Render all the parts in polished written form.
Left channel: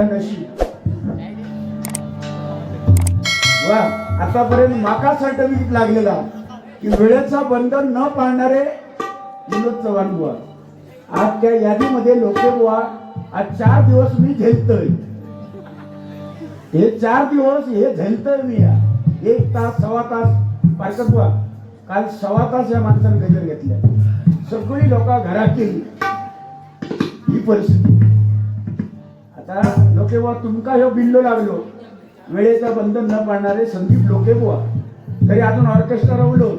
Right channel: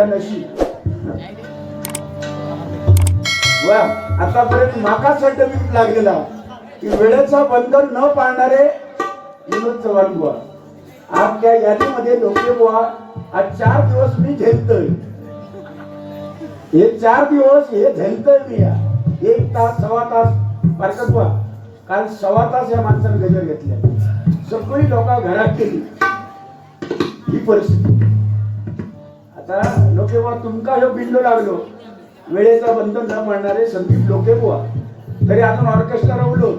नशीब वा आतापर्यंत नाका सर्टिफिकेट लागलेला की वेळेचा बंधन न पाळणारे विनोद चव्हाण बुवा. आज त्या यादीमध्ये लोके बुवा आज 4 दिवस मी झेलतोय. हे 4 दिवस हे झेलतोय मी. 1 तास 1.25 तास पारकत बुवा काल 1.25 तास या माणसाने गजर घेतल्या. सगळी लोक घरात केली ही परिस्थिती. आता लोके बुवा तुमका ह्यो बिल्लो लागलो वेळेचा बंधन न पाळणारे संदीप लोके बुवा. तरी अजून ऑर्केस्ट्रा रवलो,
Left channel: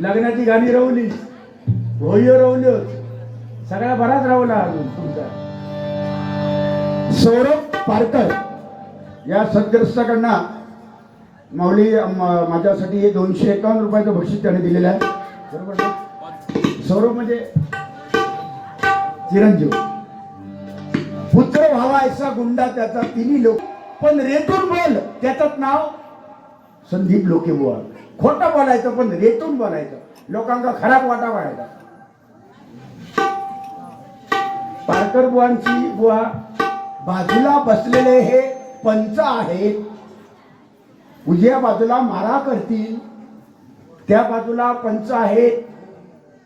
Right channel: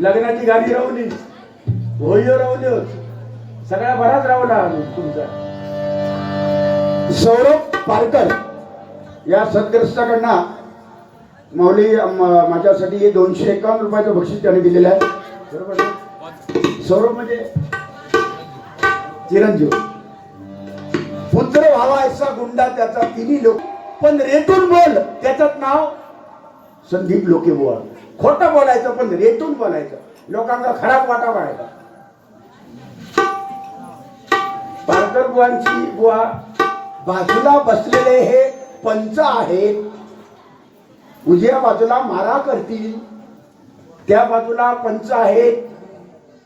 लग्नाची गाणी रवली, होळीवर रवलो, सगळ्या बराच रवला तुमचा. सौरभ पारकर या सदग्रस्ताकडनं माऊली माझ्यासाठी हे 251 रुपयाचं बक्षीस त्याने दिलेलं आहे. बरोबर ना? सौरभ म्हणजे चिरंजीव. पुत्र व्हावा ऐसा गुंडा त्याचा तिन्ही लोक, पण रेटून बोल त्याचं नाव संदीप लोके बुवा. खोटं बोलायचं पण रेटून बोलायचं, लोकांना खराब वाटा वाढायचा. पारकर बुवांची बुवा बाजूला बसलेले हे पंच आहेत. उजव्या बाजूला मारा करतील, त्या बाजूला पंच आहेत,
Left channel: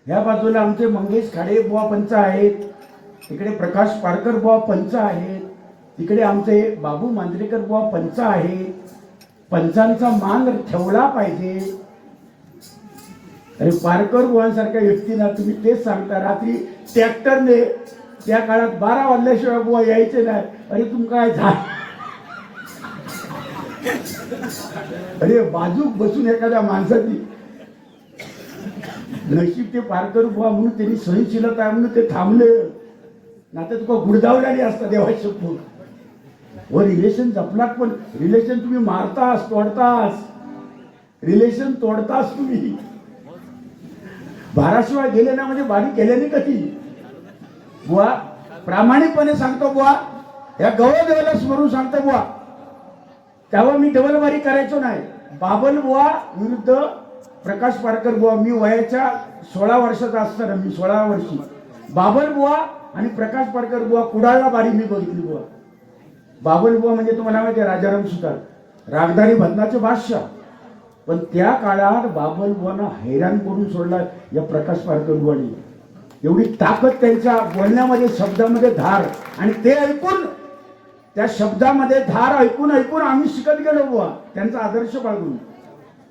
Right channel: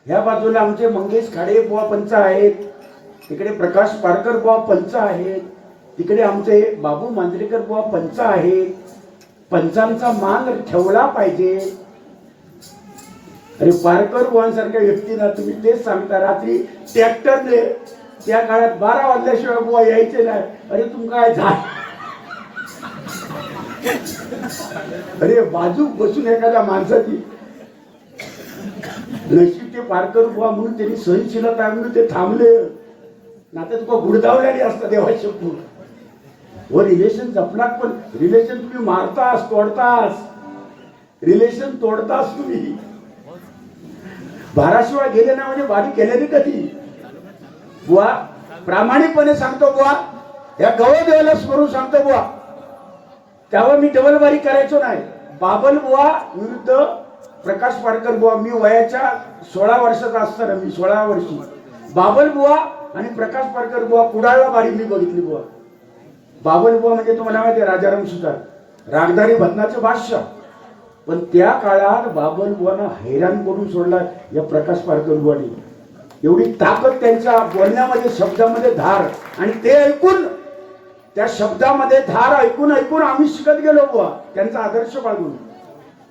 ह्या बाजूला आमचे मंगेश खाडे बुवा पंच आहेत, तिकडे प्रकाश पारकर बुवा पंच आहेत, तिकडे आमचे बाबू मांजरेकर बुवा पंच आहेत. पंचांचा मान ठेवला पाहिजे. अरे पारकर बुवांसारख्या व्यक्तींना तुम्ही तेच सांगता. रात्री ट्रॅक्टरने त्या काळात 12 वाजल्याशिवाय बुवा यायचे नाही. अरे तुम काय झाड, अरे बाजू बसून एखाद्या माणसाची नशीब ते पारकर बुवा म्हणून त्यांनी सहनशीलता आहे म्हणून ते थांबले. नाता तुका गुडदावल्याने असता देवा शकतो. हो रिलेशन जपलात, पण रिलेशन तुम्ही मारतास, तोडतास, रिलेशन तोडतास तुम्ही. 12 शिवाय गेले ना म्हणजे बारी केल्याने कधी बुवा. प्रामाणिकपणे सांगतो बुवा, या गवदेवाला स्मरून सांगतो बुवा. तेव्हा मी डबल बारी करायचो नाही. बाबल बुवा विरुद्ध प्रकाश पारकर बुवा. मी वयाच्या 16 वर्षाचा असताना, मी 16 वर्षी, बाबल बुवा आणि प्रकाश पारकर बुवा कुडाळला बारी मी बघितली बुवा. बाबल बुवा म्हणजे तुम्हाला माहिती आहे राजाराम सुतार, रागदारी भजनाचे बादशाह. पण त्या काळात बाबल बुवांना हैराण करून सोडला या प्रकाश पारकर बुवांनी. एवढी ताकद त्यांच्या बोलण्यामध्ये, शब्दामध्ये धार, आणि ते ऐकून, त्या शब्दामध्ये धार ऐकून ऐकून आम्ही शिकत गेलो बुवा त्यांचा आदर्श बाळगून.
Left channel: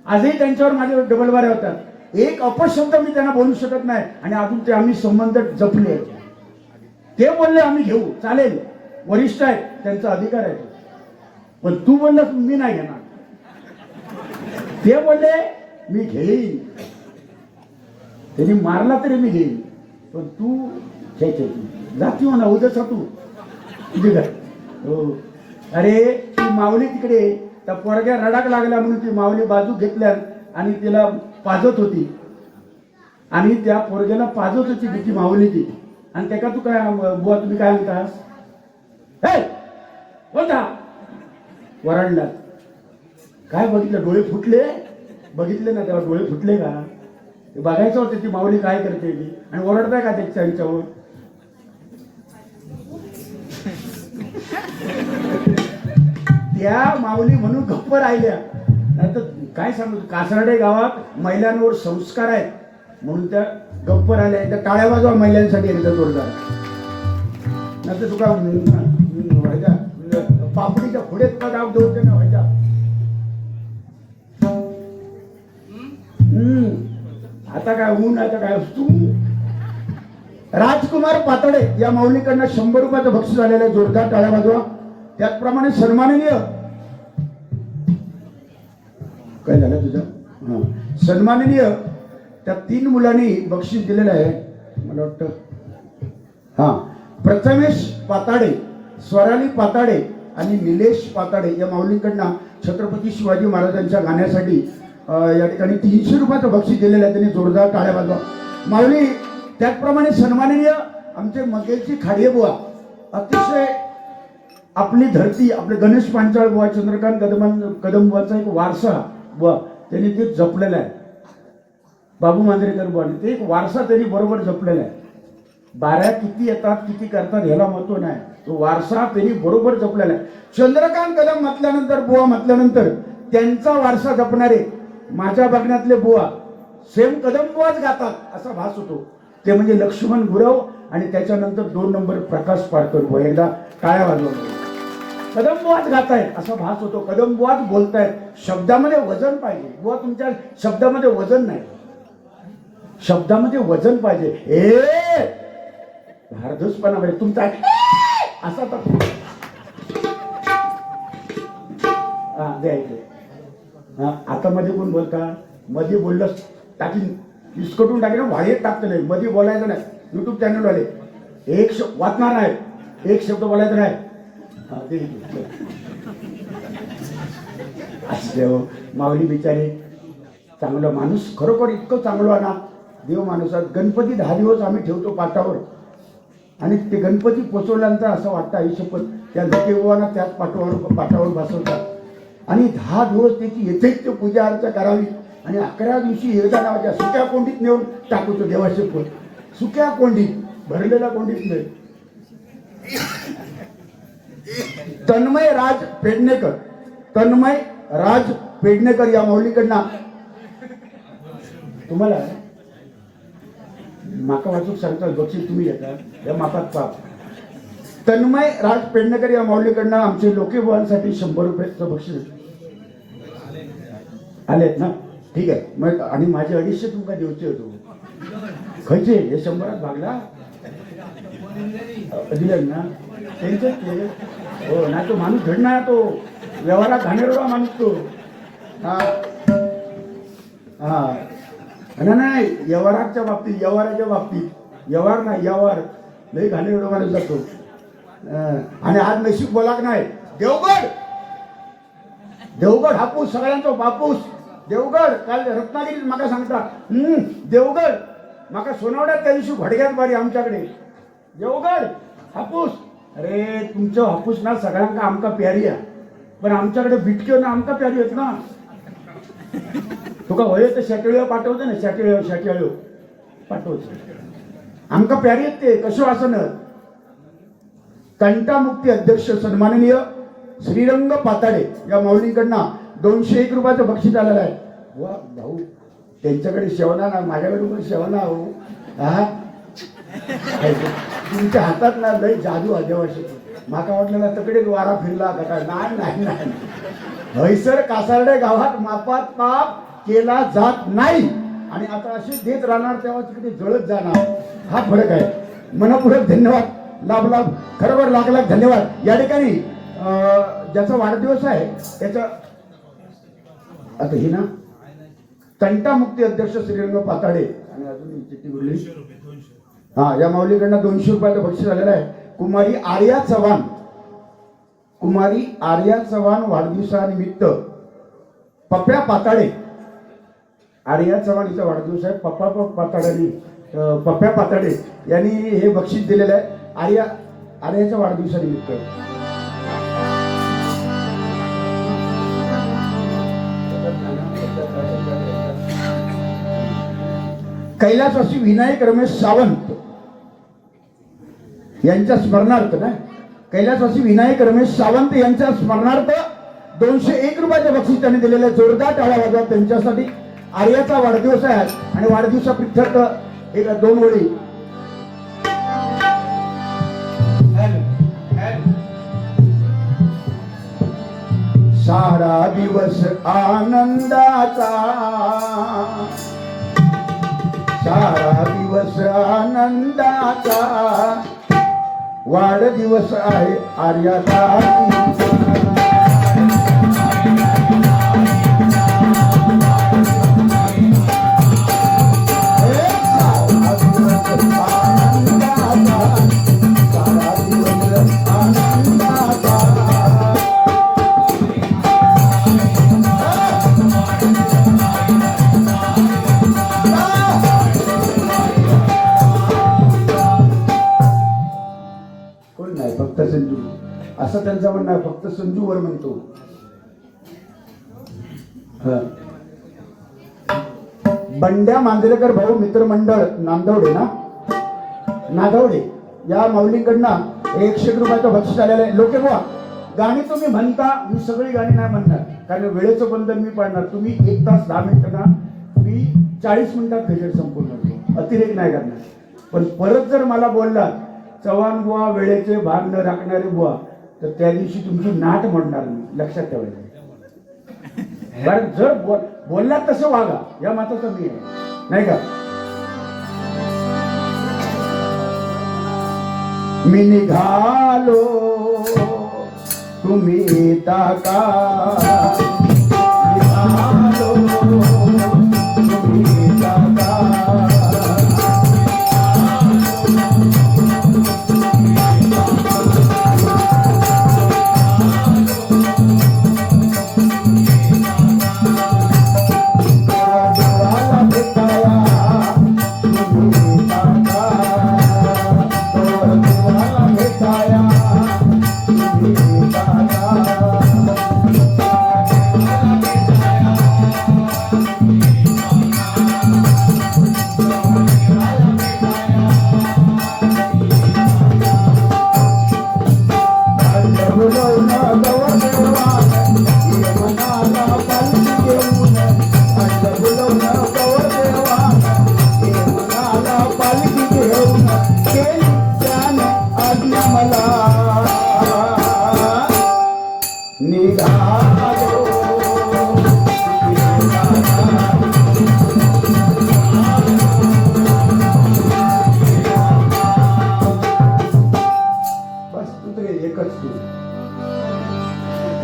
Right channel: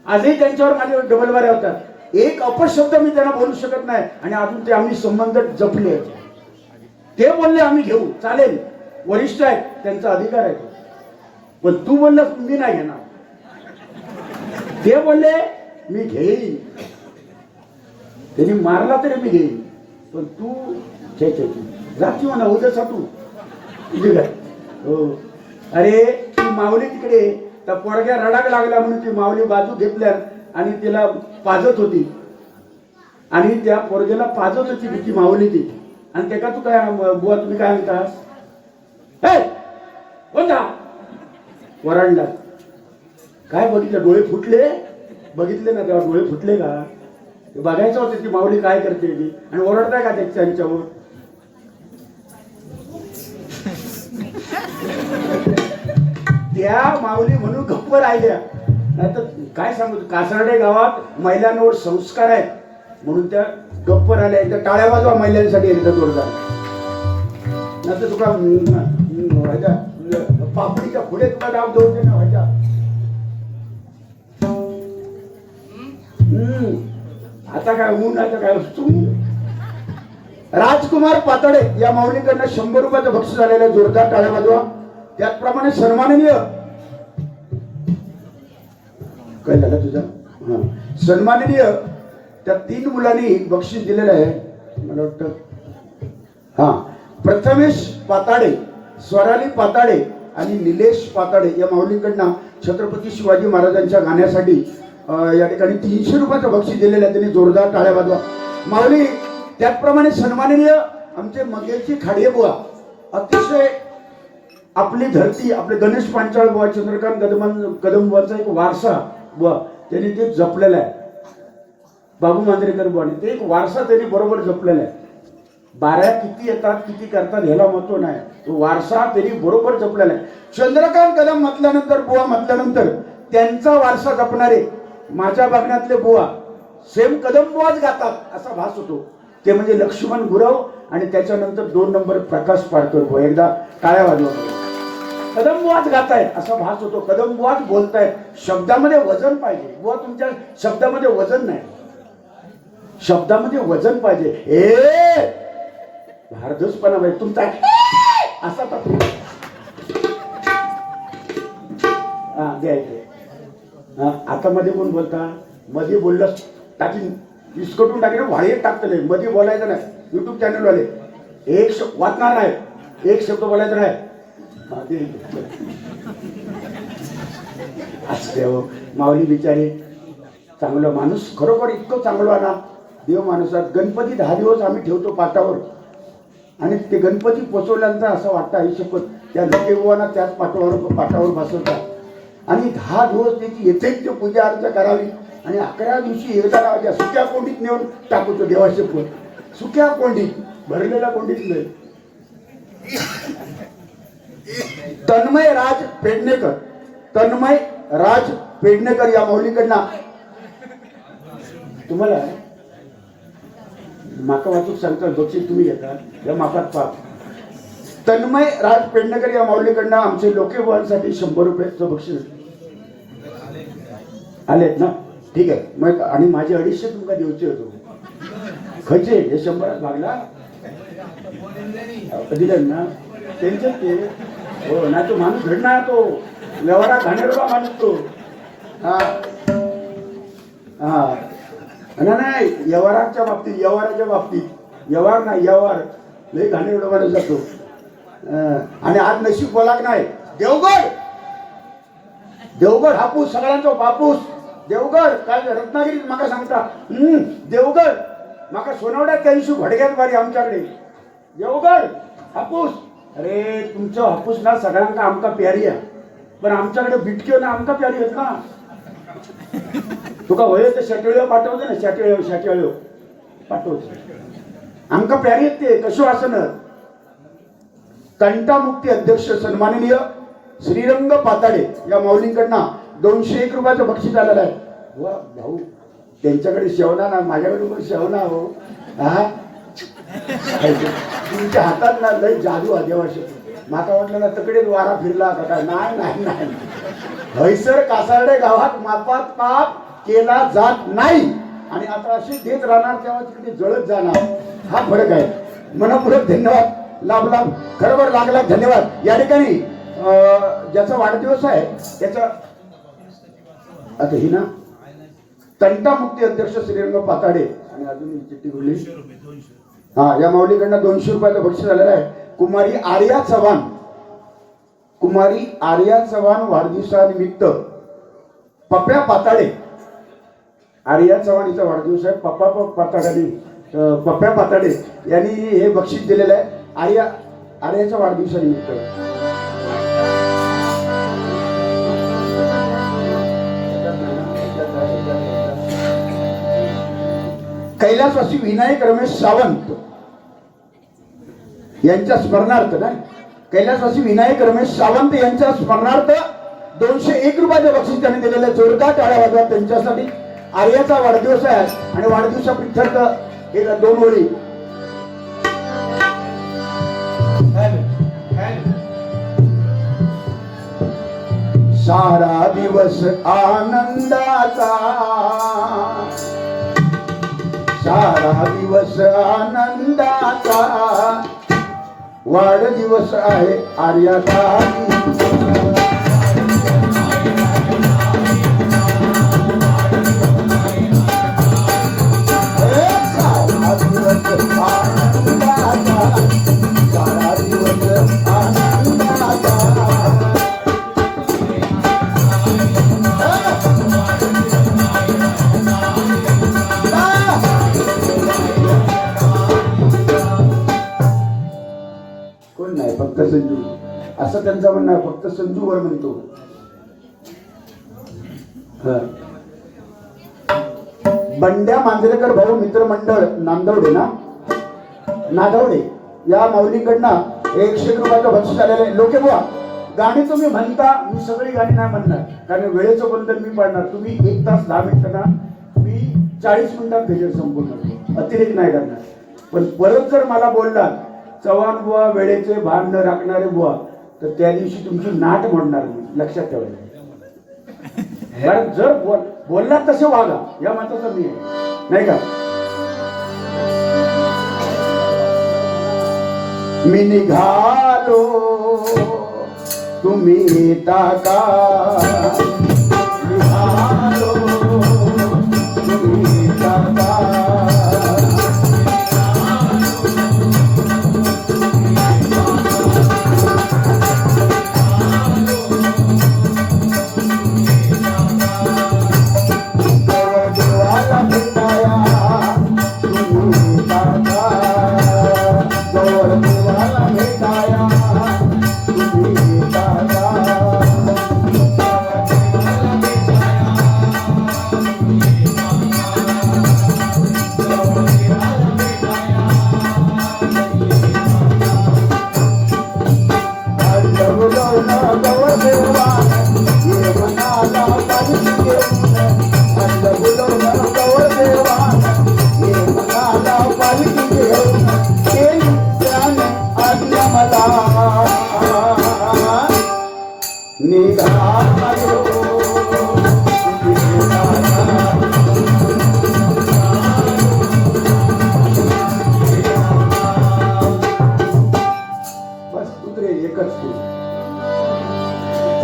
आजही त्यांच्यावर माझे डबल बाऱ्या होतात. एक अपशब्द मी त्यांना बोलू शकत नाही, आणि अजून ते आम्ही संबंध जपले. ते बोलले आम्ही घेऊ, चालेल, वरिष्ठ आहेत, त्यांचा अधिकार आहे. पण तू बोललास मी नाही घेणार. ते बोलले मी घेईन, त्यांनी मारला तरी मी घेईन, पण तू जाती हो ना उद्याचा तू तुझे काय. हो अरे ती माऊली तिकडे त्या पोरग्या रडाक लागला म्हणून ती माऊली बाजू घेतल्या आणि तिला पाजत होती, आणि त्या पोरग्याला पाजत होती ती माऊली ती. आणि त्याका तू काय बुवा तुम्ही काय म्हणतास, कोणता वराडला. काय बघितलं, डोळे फुटले, बघितले ना तेव्हा डोळे फुटले का. ते बघायचं होतं ती माऊली काय करते ती, आणि ओरडताय का त्यांच्यावर. त्या माऊली म्हणून गप्प राहिल्या. नाही तर काय सांगू, कासारडे गावात महिलांवर संस्कार आहेत म्हणून त्या गप्प राहिल्या. त्या टाळ्या वाजवा महिलांसाठी एकदा जोरदार. नाही तर तुका पापडीच्या पुढे तुका डाब दोन ना व्हायच्या. आता काय ऊन, आता काय तू. राजकुमार पातळे या माऊलीकडनं 100 रुपयाचं बक्षीस आलेलं आहे. जोरदार टाळ्या वाजवा. त्याचप्रमाणे सन्माननीय, काय झालं तुझा, सन्माननीय त्या 3 मुलांनी बक्षीस दिलेलं आहे. मला वाटतं प्रथमेश पाताडे, स्वराली पाताडे आणि निलेश पाताडे या माऊलीकडनं छत्रपती शिवाजी महाराजांच्या गाण्यासाठी या ठिकाणी 300 रुपयाचं बक्षीस दिलेलं आहे. त्यांनी जोरदार टाळ्या वाजवा माऊली. त्याचप्रमाणे सन्माननीय आमचे मंगेशजी खाडे बुवा, अतिशय आपली धरती, आपले गणेश पांचाळ बुवा, चंद्रकांत कदम बुवाचा एक वारसा बुवा त्यांनी ते जपलेला आहे. बाबू मांजरेकर बुवाने ते एक वारसा त्यांनी बरोबर जपलेला आहे. बाऱ्या किती येतात किती करतात ह्याला महत्व नाही. तो वारसा त्यांनी बरोबर जपलेला आहे. चंद्रकांत कदम म्हटल्यानंतर, बुवा म्हटल्यानंतर त्यांचा वारसा जपणारे माझ्या बघण्यातले बुवा सेम कदम बुवाच गातात असा भास होतो. ते म्हणजे लक्ष्मण गुरव आणि त्याच्यानंतर 2 नंबर प्रकाश पाडकर बुवा. एकदा टाळ्या वाजवा. कदम बुवाच गाताय असा भास होतो. कदम बुवाच बोलतायत. शब्दामध्ये वजन पाहिजे बुवा. तुमच्या शब्दामध्ये वजन नाही, शब्दामध्ये वजन पाहिजे. भारदूसपणा पाहिजे तुमचा असा तर द्यायचे. आता मध्ये कोण बोलता? मध्ये बोललं टाकीन विस्कटून टाकेल, व्हाळीत टाकतं नाही. मध्ये बोलायचं नाही. युट्यूब चॅनल वाले एक वाचणार नाही, एक शब्द बोलायचं नाही. असते माऊली बिचारे चांगलं माणूस, खरोखर इतकं चांगलं ना देव माणूसात. गणपती 10 दिवस आम्ही ठेवतो पाटावर आणि ते गणपती पोचवल्यानंतर असं वाटतं आयुष्यपत त्या लोकेवाना त्याच पाटावर बसवतात आणि 10 दिवस त्याची यथेच्छ पूजा अर्चा करावी आणि 11व्या दिवशी एकदा राजा सुक्या कोंडीत नेऊन टाकतो देवाचे पोट. सुक्या कोंडीत, भरलेल्या कोंडीत नाही. तन्मय राज पेडणेकर, तन्मय राज पेडणेकर या माऊलीकडनं तुम्हाला माका वाचूक सांगता बक्षीस तुम्ही घेता या माकात पाप. तन्मय राज पेडणेकर या माऊलीकडनं आमचे लोकेवांसाठी 100 रुपयाचं बक्षीस आलेत ना. ठीक आहे मग. आणि माझे 250 तुमका द्यायचे होतो. खयचे हे 100 भागला दिलं ना त्यांचं ते. हो नाही तो माणूस घडणार, तो व्यवहारात घाणेरडा माणूस तो. हा हा नाही व्यवहाराच्या बाबतीत, व्यवहाराच्या बाबतीत व्यवहार नाही, व्यवहार लई घाणेरडा माणूस जातो. आणि आज नशीब बोलाक नाही. देवगड, देवगड हापूस सगळ्यांचा बापूस. देवगड काल रत्नागिरीत माका सांगता देवगड माका सोनावड्यात त्या दिवशी घडग्यात बारी आमच्याकडे. देवगड हापूस. अरे तुमचं हापूस ना सगळ्यांका आमका प्यारी आहे, पण आमच्याकडे बिटके ना आमका प्यारी आहेत ना. तुका होय तर शेटळ्यो पाठवते ना, शेटळ्यो पाठवते आमका प्यारी आहेत ते. कशो असं न तंटामुक्ती अध्यक्ष सन्माननीय श्रीरंग पाताडे या माऊलींकडनं 201 रुपयाचं बक्षीस आलेलं आहे. वा भाऊ त्यांच्याकडे शेवना ना, माझ्याकडे पण शेवना हो. हा तुमच्या हातात ना लय जादू आदिवासी. माका वाटलं ना तकडेच वारा फिरला का काय. नाही नाही नाही, हैसर कासारडे गावात मापात काप केला जात नाही आणि आता असे देत राहणार तेव्हा तिकडे जळत जाणार. हा फरक आहे. मनपूर्वक धन्यवाद. लाभ लाभ खरोबर लाख लाख धन्यवाद. या ठिकाणी ज्याचा वाढदिवस आहे त्याचा आता ही ना तंटामुक्ती अध्यक्ष श्रीरंग पाताडे आणि अजून चिठ्ठी बोलली. हा या माऊलीकडनं 200 रुपयाचं बक्षीस आलेलं आहे. कुमारी आर्या चव्हाण, कुमारी आर्या चव्हाण वाढदिवसानिमित्त पप्या पाताडे. आर्या चव्हाण हिचा वाढदिवस आहे. पप्या पाताडे यांनी हे बक्षीस दिलेलं आहे आर्याच्या वाढदिवसानिमित्त. कैलासवासी विनायक रमेश सावंत यांच्या स्मरणार्थ नाही, कैलासवासी विनायक रमेश सावंत यांच्या स्मरणार्थ 201 रुपयाचे बक्षीस त्यांनी दिलेले. जोरदार टाळ्या वाजवा त्यांच्यासाठी. आर्याचा वाढदिवस आहे आणि वाढदिवसाप्रित्यर्थ एक 2 ओळी. सारा दिवस आनंदाचा, सारा दिवस आनंदाचा, वाढदिवस आहे आर्याचा. फक्त संजू असं त्यांचं म्हणणं आहे. फक्त संजूवर म्हणतो. बंड्या मांजरेकर भाऊ मित्रमंडळ नांदवडे ना, नादवडे या माऊलीकडनं 100 रुपयाचं बक्षीस आलेलं आहे. लोके बुवा गाणी तुम्ही म्हणता, मी सगळी गाणी नाही म्हणणार कारण वेळेचं बंधन मी पाडणार. तुम्ही 1 तास 10 मिनिटांना, मी 40 मिनिटात गजर संपूर्ण करतो, अतिरेक नाही करणार. पण परत जर मला बोलला चव्हाण बुवा वेळेचे भान न राखणारे बुवा, तर त्या दिवशी तुमची नाट मोडणार मी, लक्षात ठेवायला. कारण जर बोललात तसे वागा, या मताचं मी आहे, नाही का. मी निघालो तुम्ही येता का, निघालो तुम्ही येता का.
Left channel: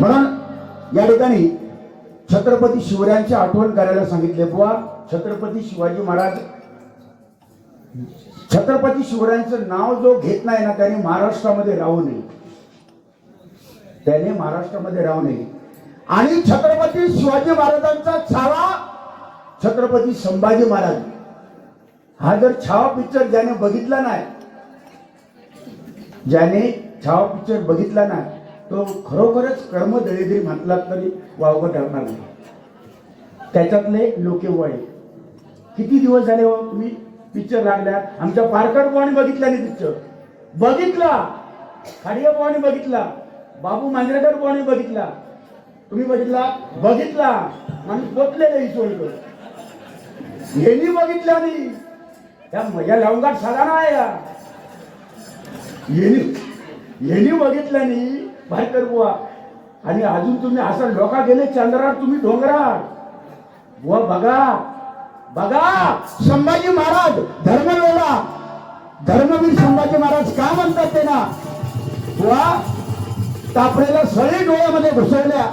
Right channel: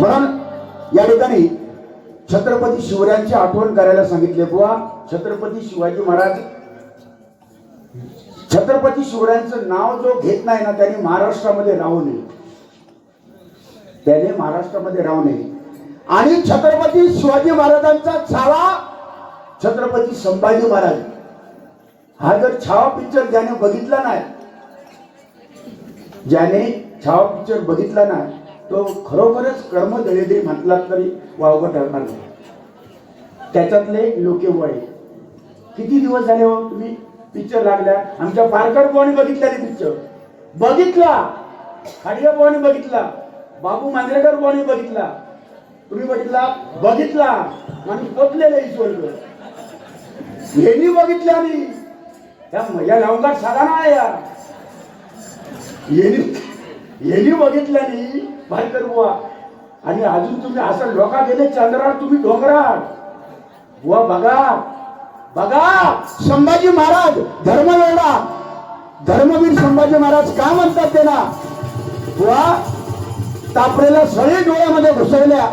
म्हणून या ठिकाणी छत्रपती शिवरायांची आठवण करायला सांगितले बुवा. छत्रपती शिवाजी महाराज, छत्रपती शिवरायांचं नाव जो घेत नाही ना त्याने महाराष्ट्रामध्ये राहू नये, त्याने महाराष्ट्रामध्ये राहू नये. आणि छत्रपती शिवाजी महाराजांचा छावा छत्रपती संभाजी महाराज, हा जर छावा पिक्चर ज्याने बघितला नाही, ज्याने छावा पिक्चर बघितला नाही तो खरोखरच कर्मदळेदरी म्हटला तरी वावगं ठरणार नाही. त्याच्यातले लोके वय किती दिवस झाले हो तुम्ही पिक्चर लागल्या. आमच्या पारकर बुवाने बघितला नाही पिक्चर, बघितला. खाडिया बुवाने बघितला, बाबू मांजरेकर बुवाने बघितला, तुम्ही बघितला आणि पोचलेलं ईश्वर यांनी बघितलं. आणि त्या लवंगात साधा नाही या यांनी बघितल्याने भाईकर बुवा. आणि अजून तुम्ही असं लोका गेले चंद्रावर, तुम्ही डोंगरात बुवा. बघा बघा संभाजी महाराज धर्मवीरला, धर्मवीर संभाजी महाराज का म्हणतात त्यांना बुवा. तापरेला सळी डोळ्यामध्ये घुसवल्या,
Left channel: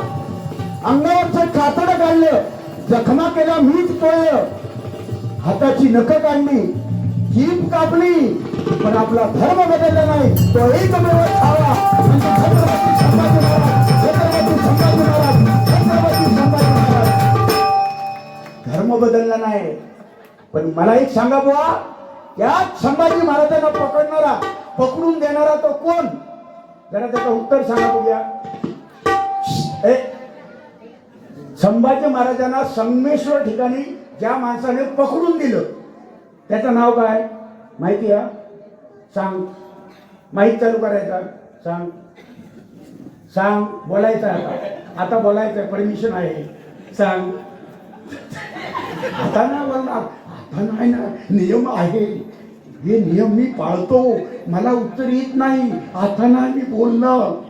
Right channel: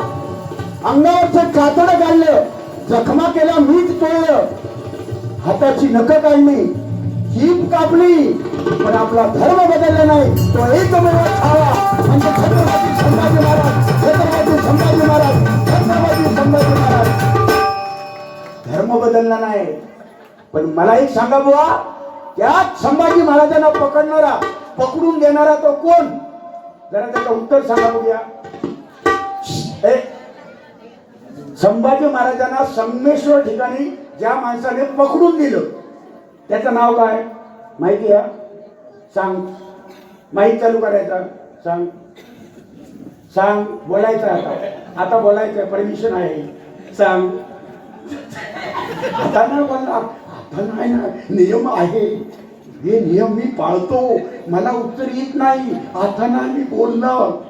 अंगावरचं कातडं काढलं, जखमा केला, मीठ तोडलं, हाताची नखं काढली, जीभ कापली, पण आपला धर्म बदलला नाही. तो एकमेव छावा म्हणजे छत्रपती संभाजी महाराज, छत्रपती संभाजी महाराज, छत्रपती संभाजी महाराज. धर्म बदलला नाही. पण मला एक सांगा बुवा, त्याच संभाजी महाराजांना पकडणारा, पकडून देणारा तो कोण, जरा त्याचं उत्तर सांगा बघूया. संभाजी महाराजांना संगमेश्वर ठिकाणी ज्या माणसाने पकडून दिलं त्याचं नाव काय माहिती आहे? सांग. माहित चालू करायचा, सांग सांग. बोलायचं आता बोलायचं, परमिशन आहे, सांग. आता नाही बोलला, आता नाही ना, नियम आहे, हे नियम मी पाळतो, मला उत्तर येत नाही, आता ना मी बोलणं.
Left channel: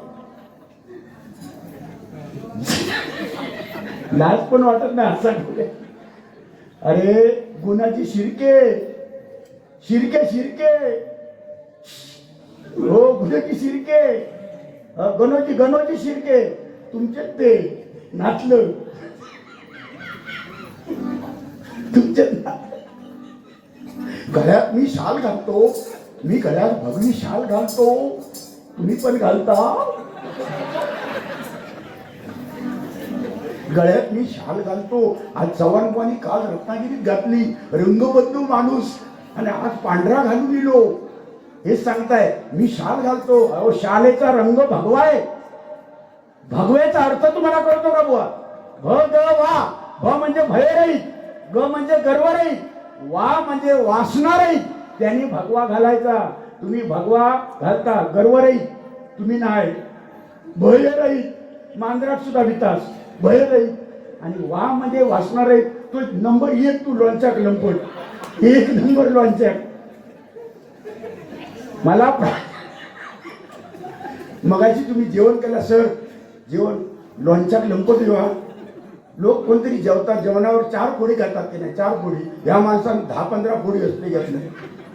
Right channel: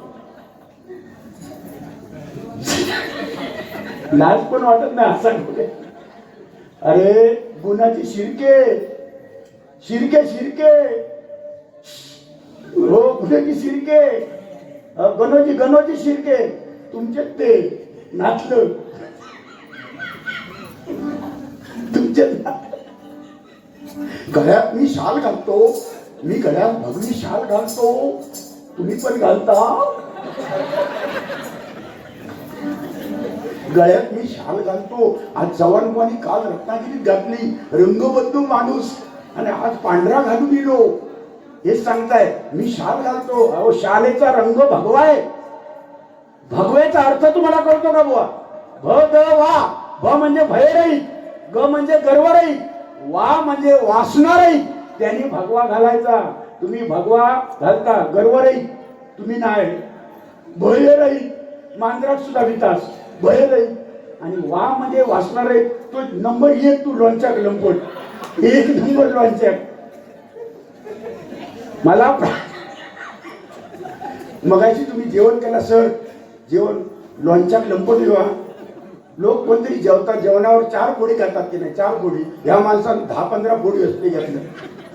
लाज पण वाटत नाही असं. अरे गुणाची शिरके शिरके शिरके हो, गुन्ह्याची शिरके, गणोची शिरके तुमचे ते नाचलं तुमचे. गळ्यात मी शाल घालतो, मी गळ्यात भगवी शाल घालतो, तुम्ही पण घालता. गळ्यात मी शाल घालतो. आज चव्हाणपणी काल रत्नागिरीत घातली, रंगबद्ध माणूस, आणि आज पांढरा घालून गेलो. हे सांगताय मी शाल घालतो. अहो शालेचा रंग भगवा आहे. भगवेचा अर्थ तुम्हाला कळतो का बुवा? भ ग वा. भ म्हणजे भयरहित, ग म्हणजे गर्वरहित, वा म्हणजे वासनारहित. त्यांनी भगवा घालायचा. तुम्ही भगवा घालता गर्व राहील तुम्ही नाही भय राहील मांजरात सुद्धा विकास भय राहील आणि वा म्हणजे वाचणार आहे तो नंबर 1 तू लोणच्याक लंपट 1 नंबर लोणच्याक मला मगाशी तुम्ही जेवण केला सर जेवण लोणच्याक लंपट येवा लोक कोणतरी जेवतात जेवणावर 4 पोळी खातात की नाही 4 पोळी ह्या माणसानं 10-15 पोळी असते घेतलं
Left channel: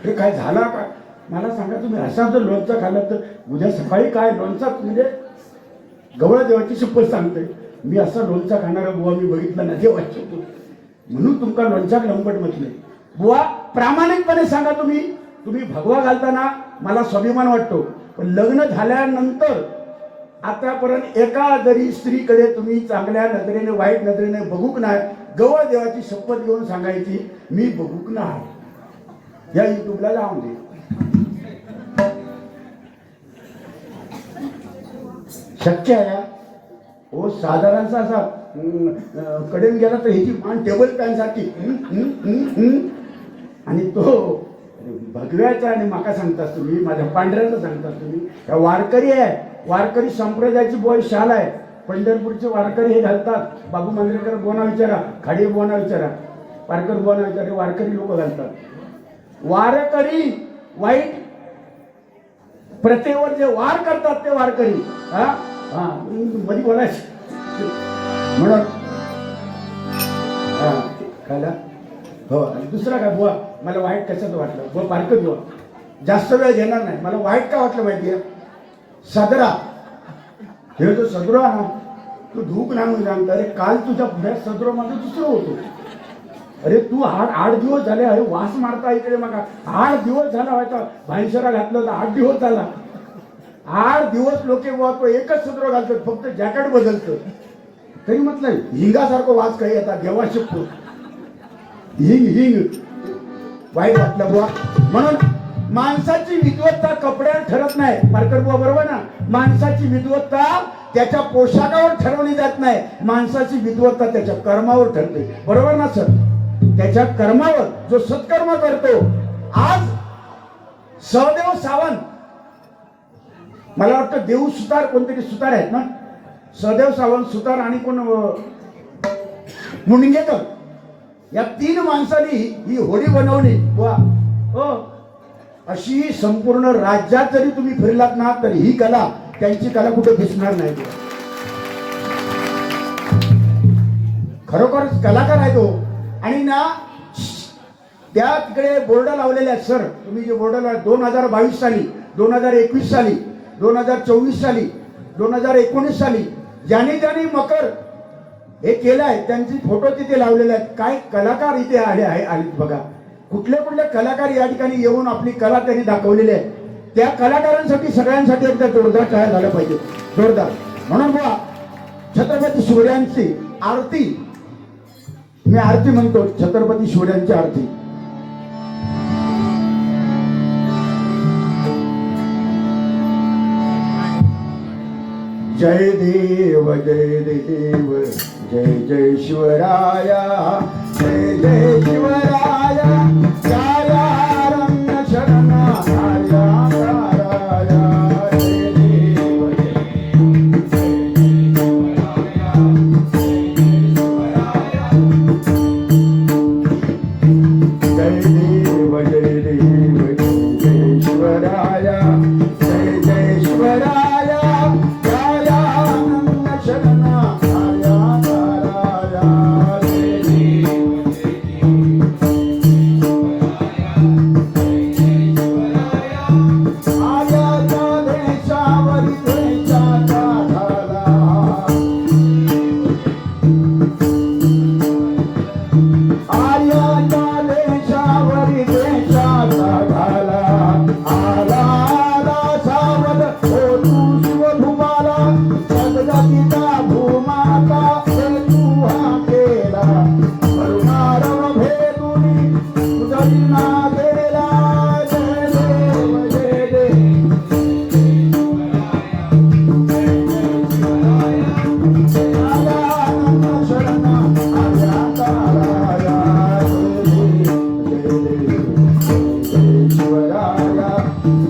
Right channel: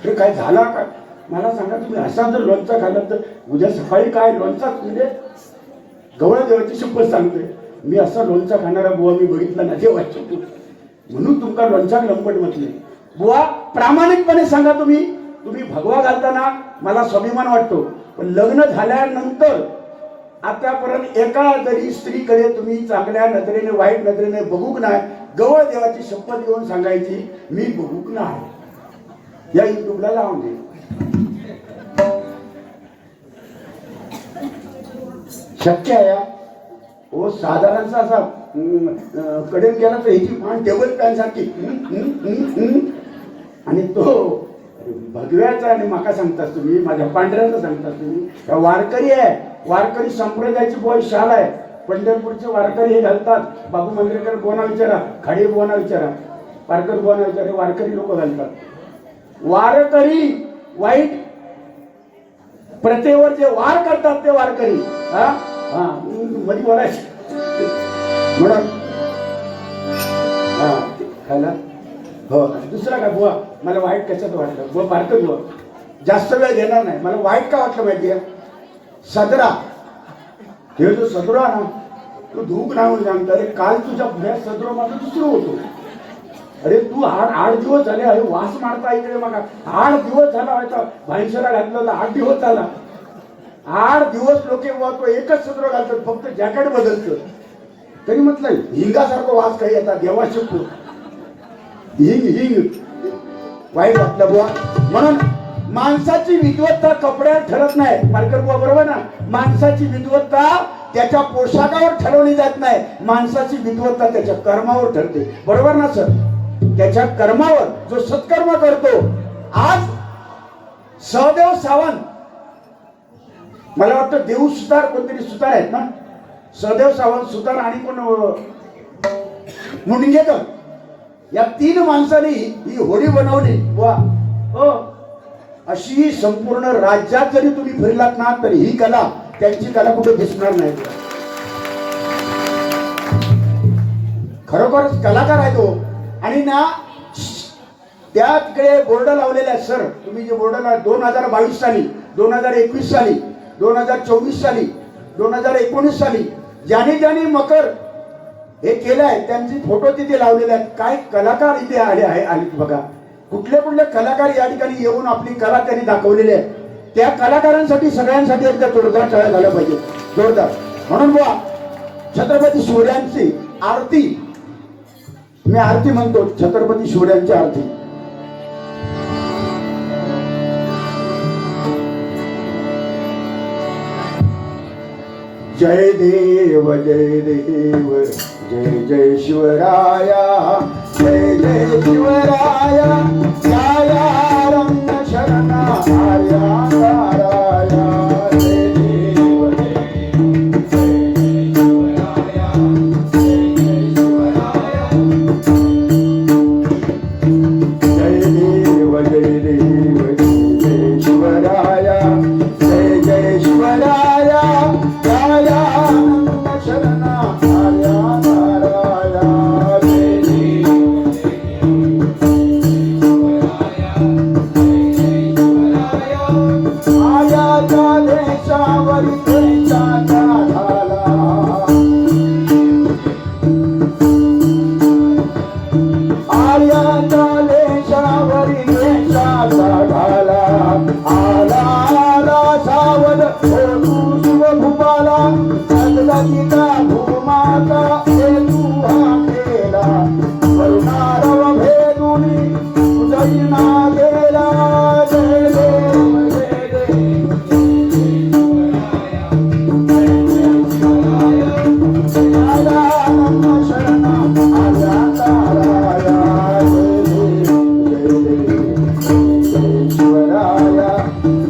हे काय झाला का मला सांगा तुम्ही असा जर लोणचा खाल्ला तर उद्या सकाळी काय लोणचा म्हणजे गवळा देवाची शपथ सांगतोय मी असा लोणचा खाणारा बुवा मी बघितला ना देवाची म्हणून तुमचा लोणचा लंपट म्हटले बुवा प्रामाणिकपणे सांगा तुम्ही भगवा घालताना मला स्वाभिमान वाटतो पण लग्न झाल्यानंतर आतापर्यंत एका जरी स्त्रीकडे तुम्ही चांगल्या नजरेने वाईट नजरेने बघूक नाही गवळ देवाची शपथ घेऊन सांगायची मी बघूक नाही या युट्यूबला लावून दे शक्य आहे हो साधारणचा असा कडेन गेला तर ह्याची मान टेबल पॅन सारखी आणि तो भगव्याचा आणि माका सांगतास तुम्ही माझ्या पांढऱ्याचा सांगतास तुम्ही या वारकरी आहे वारकरी संप्रदायाची बॉय शाल आहे पंढरपूरचे वारकरी हे घालतात बाबू मंद्रेकर बोना विचारा खाडी बोना विचारा वारकर बोना विचारा वारकरी लोक घालतात वारकरी वाईट प्रथेवर जे वार करतात ते वारकरी हा हा मध्ये बोलायचं म्हणून हा खायला हो दुसरा का बुवा मला वाईट कशात वाटलं बुवा बारकं बुवा जास्त वेळ घेणार नाही मला वाईट का वाटलं माहिती आहे सदरा हे जो सदरा ना तू धूक नाही म्हणून सांगता अरे काल तुझ्या पुढ्या सदरा माझं दुसरं होतो अरे तू 8 दिवस झाले अरे वास मारता इकडे बघा 8 दिवस झाला व्हायचा भाईसरा घातलं तर 8 दिवस झाला 8 दिवस लोके बुवा तो एकच सदरा घालतात फक्त जॅकेट बदलतं तरी म्हटलं हिंगासारखं वास काही येतात देवा शकतो हिंग वाईट वाटलं बुवा म्हणून माणसाची विद्वत्ता कपड्यावर ठरत नाही मार्कर बुवा बरोबर ना माणसाची विद्वत्ता त्याच्या पोशाखावर ठरवली जात नाही माणसाची विद्वत्ता त्याच्या कर्मावर ठरते बरोबर ना सर त्याच्या कर्मावर जो सत्कर्म करतो आज सहदेव सावंत मला वाटतं देऊ सुतार कोणतरी सुतार आहेत ना सहदेव सावंत सुतार आणि कोण मुंडगेकर या 3 माणसांनी ही होडी बनवली वा हो अशी संपूर्ण राज्यात जरी तुम्ही फिरलात ना तर ही कला त्यांची कला कुठे दिसणार नाही खरोखरच कलाकार आहे तो आणि ना त्या तिकडे बोर्ड लावलेले आहेत सर तुम्ही जे बोर्ड लावले 2022 साली 2021 साली 2024 साली 2019 साली ज्याने मकर हे केलं आहे त्यांचे फोटो तिथे लावलेले आहेत काय कलाकार इथे आले बघा कुठले कलाकार या ठिकाणी येऊन आपली कला त्यांनी दाखवलेली आहे त्या कलाकारांसाठी सगळ्यांसाठी एकदा जोरदार टाळ्या झाल्या पाहिजे जोरदार म्हणून बुवा छत्रपती शिवरायांची आरती मी आरती म्हणतो छत्रपती शिवरायांची आरती जय देव जय देव जय जय शिवराया जय जय शिवराया या रंग शरणा आया जय देव जय देव जय शिवराया जय जय शिवराया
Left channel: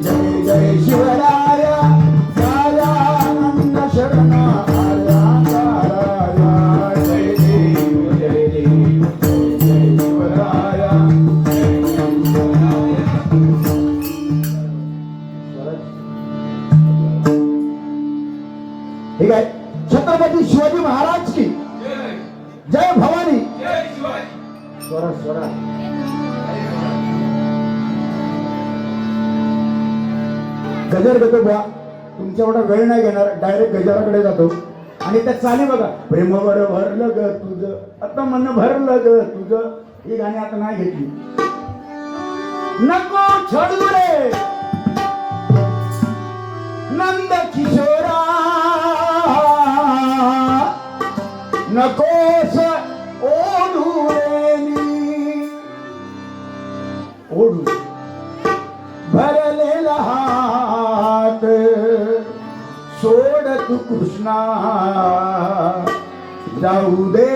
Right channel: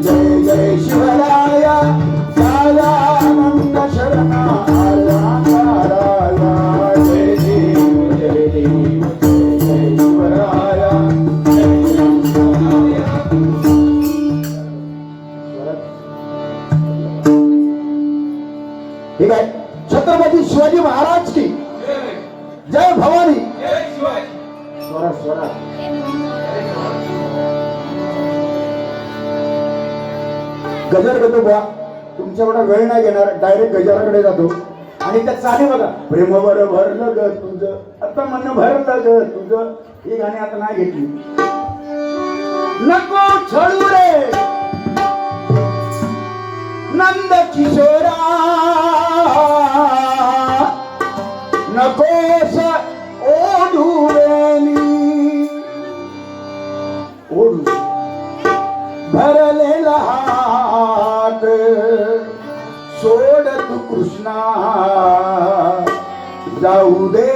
जय ठीक आहे. छत्रपती शिवाजी महाराज की जय भवानी. स्वरा स्वरा. गजर घेतो बुवा, तुमच्या एवढा वेळ नाही घेणार, डायरेक्ट गजराकडे जातो. आणि त्या चाली बघा, प्रेमावर भरलं ग तुझं, आता मन भरलं ग तुझं, ही गाणी आता नाही घेतली. नको छळू रे नंद किशोरा, नकोस ओढू रेनी, ओढू भरलेला हात सोड तू कृष्णा, जाऊ दे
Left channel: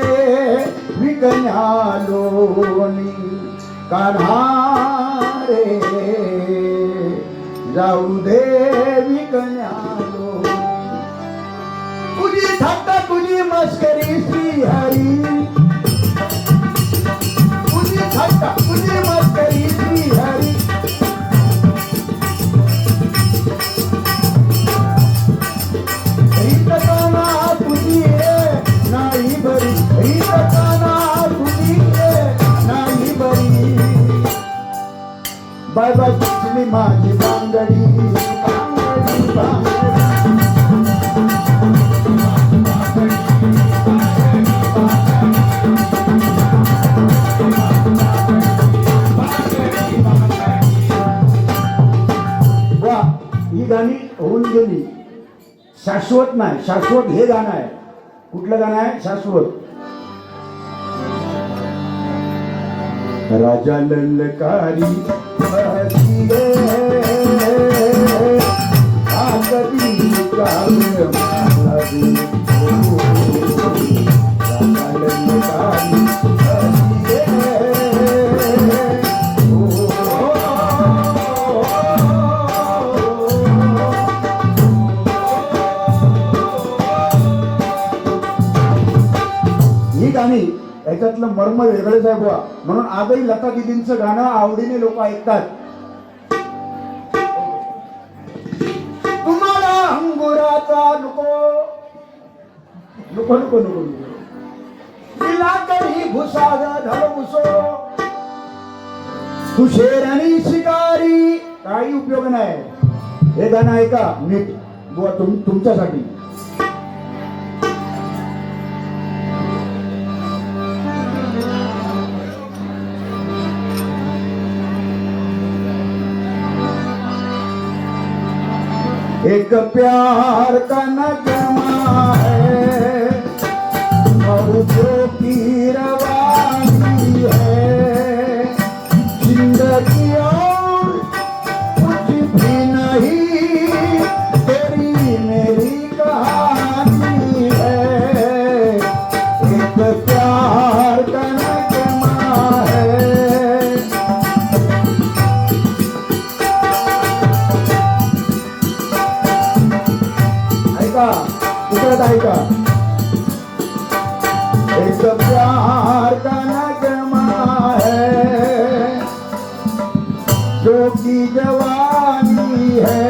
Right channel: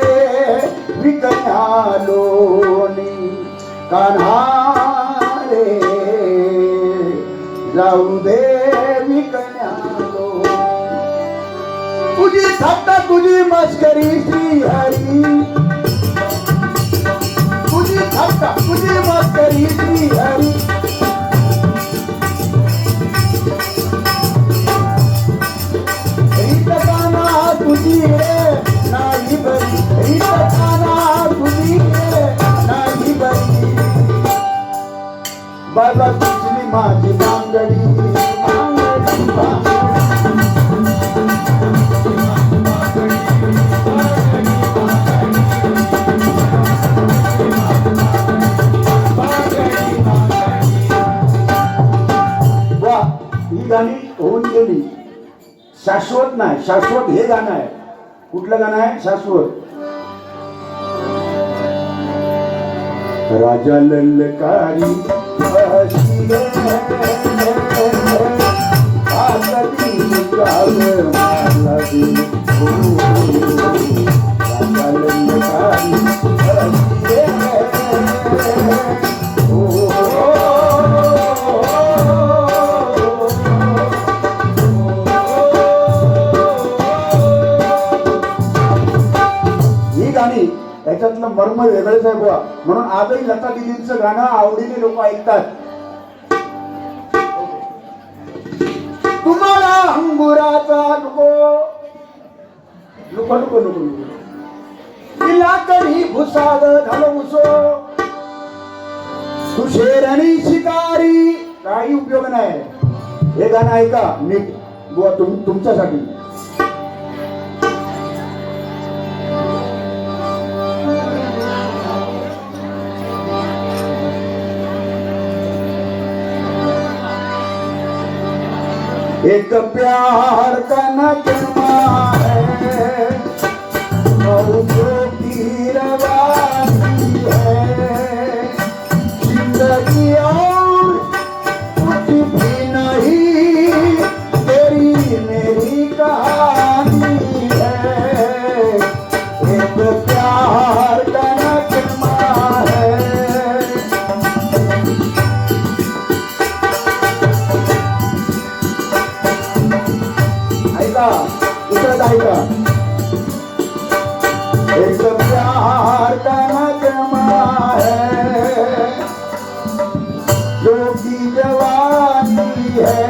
विकन्या लोणी कान्हा रे, जाऊ दे विकन्या लोणी. तुझी थट्टा तुझी मस्करी श्री हरी, तुझी थट्टा तुझी मस्करी श्री हरी. तुझी नाही बरी, तुझी नाही बरी, बाबा तुझी माझी बांगडी, वा ही गाणी होऊन गेली. शाश्वत नाही, शाश्वत हे गाणं आहे. कुठलं गाणं आहे शाश्वत? राजा ललकारी याच्यातलं मर्म वेगळंच आहे बुवा. म्हणून आजही लता दिदींचं गाणं आवडीने लोक ऐकतात. तुम्हाला अंगुराचा नको नको नको नको नको, तिला तरी भुसाग झालं मुसो, तू शेरणी शिकारी, काही उपयोग नाही. हे गाणं ऐका नीट बुवा, तुमच्यासाठी. एक प्यार का नगमा है, मौजों की रवानी है, जिंदगी और कुछ भी नहीं, तेरी मेरी कहानी है. एक प्यार का नगमा है. एक प्यार का नगमा है, जो की जवानी है,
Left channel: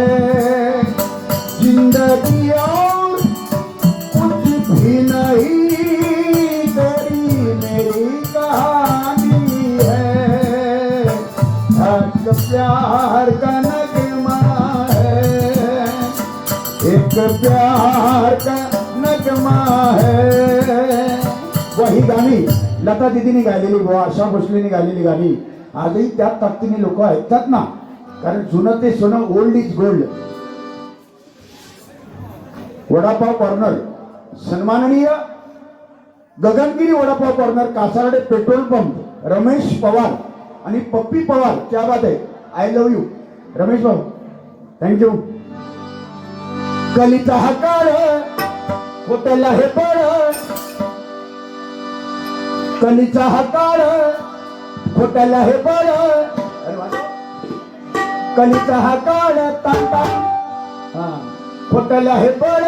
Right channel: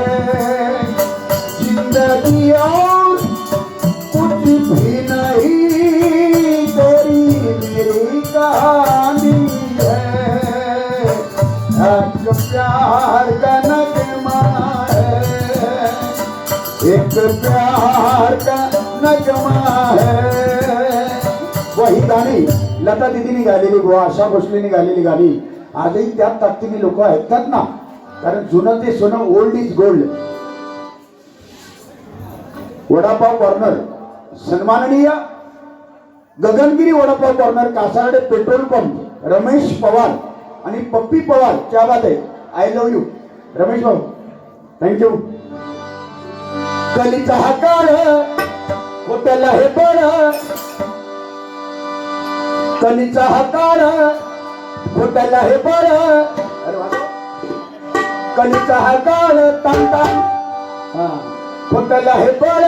जिंदगी और कुछ भी नहीं, तेरी मेरी कहानी है. एक प्यार का नगमा है, एक प्यार का नगमा है. ही गाणी लता दिदींनी गायलेली बुवा, आशा भोसलेंनी गायलेली गाणी आजही त्याच ताकदीने लोक ऐकतात ना. कारण जुनं ते सोनं, old is gold. Vada pav corner सन्माननीय Gagangiri vada pav corner, Kasarde petrol pump, Ramesh Pawar आणि पप्पी पवार, क्या बात आहे. आय लव्ह यू रमेश भाऊ, थँक्यू. कलीचा हा काळ होटल हे बळ, कलीचा हा काळ होटल हे बळ, कलीचा हा काळ तांता होटल हे बळ,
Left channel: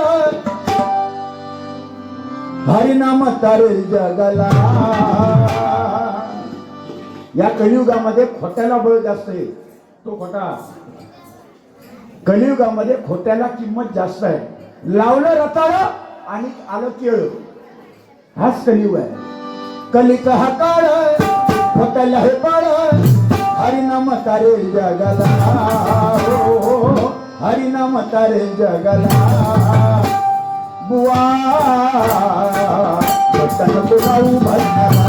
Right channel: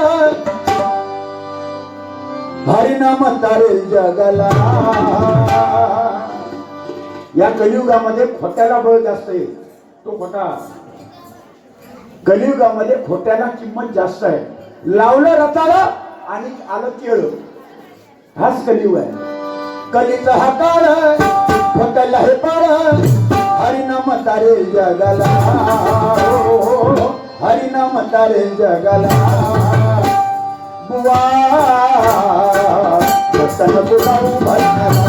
भारी नाम तारेल जगाला. या कलियुगामध्ये खोट्याला बळ जास्त आहे. तो खोटा, कलियुगामध्ये खोट्याला किंमत जास्त आहे. लावलं रताळं आणि आलं केळं. हाच कलियुग आहे. कलीचा हा काळ फकल हे पाळ हरिनाम तारे जगाला हो, हरिनाम तारे जगाला बुवा रतन बोलावू भरणारा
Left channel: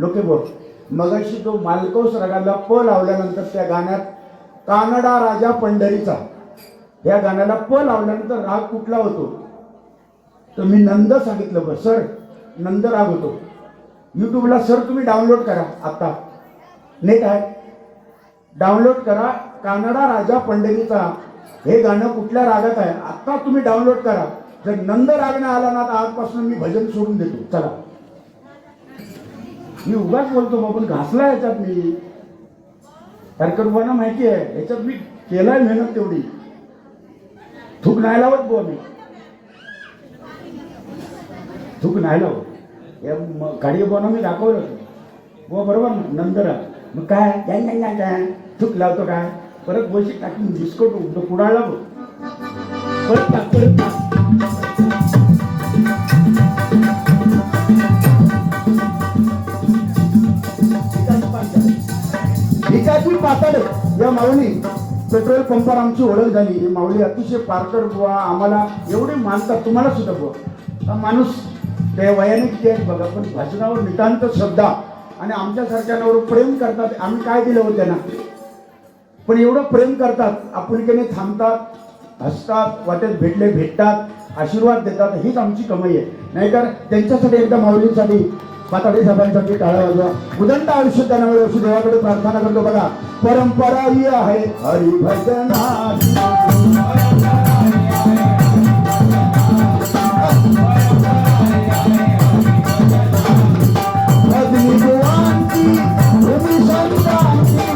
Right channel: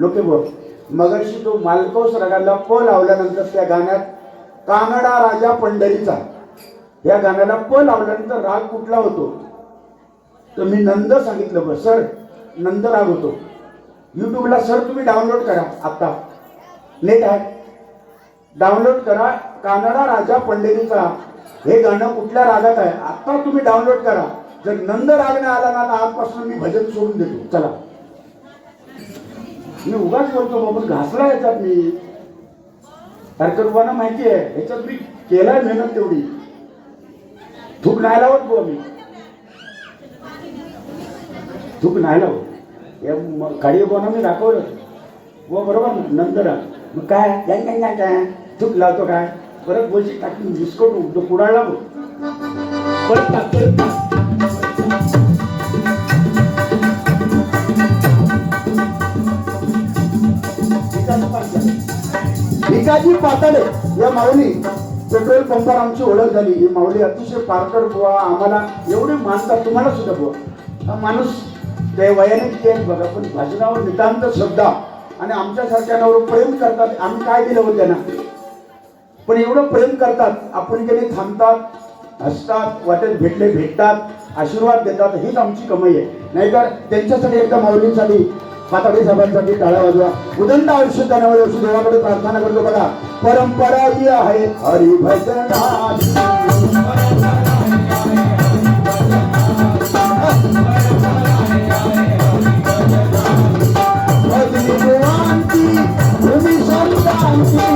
लोके बोल. मगाशी तो मालकोस रागाला प लावल्यानंतर त्या गाण्यात कानडा राजा पंढरीचा या गाण्याला प लावल्यानंतर राग कुठला होतो तर मी नंद सांगितलं. बस सर नंद राग होतो. युट्यूबला सर तुम्ही डाउनलोड करा. आता नेट आहे डाउनलोड करा. कानडा राजा पंढरीचा हे गाणं कुठल्या रागात आहे आता तुम्ही डाउनलोड करा. जर नंद राग नाही आला ना तर आजपासून मी भजन सोडून देतो. चला मी उगाच बोलतो आपण घासला याच्यात मी हरकतवाना माहिती आहे याच्यात मी केलाय मेहनत तेवढी. थूक नाही लावत गो मी थूक नाही लावत. गाडी बोना मी दाखवलं गो बरोबर ना नंदरा मग काय काय नाही काय काय थूक लावतो काय परत बोलशी टाकून बिस्कोट कुडाळला बघ परत टाक परत टाक. भिकाजी पाताडे या माऊली पेट्रोल पंपावर आमची ओळख झाली. ही माऊली अतिशय पारकर बुवा आम्हाला एवढे मानतात तुम्हाला सुद्धा बुवा. हा माणूस ते वयाने किती आहेत बघा पण भाषणावर नितांत श्रद्धा आणि आमच्यासारख्यांवर प्रेम करतात. आम्ही काय केलं होतं त्यांना पण एवढं प्रेम करतात. आपण काही थांबतात हसतात वाटेत भेटले भेटतात आशीर्वाद देतात. हीच आमची कमाई आहे. नाहीतर त्यांच्यासाठी एकदा माऊलींसाठी पाताडे साहेबांसाठी टाळा वाजवा. उदंड आयुष्य त्यांना देवाकडे प्रार्थना करतो. बघा परंपरा ही आहे हरिभजनाची भूमी संतांची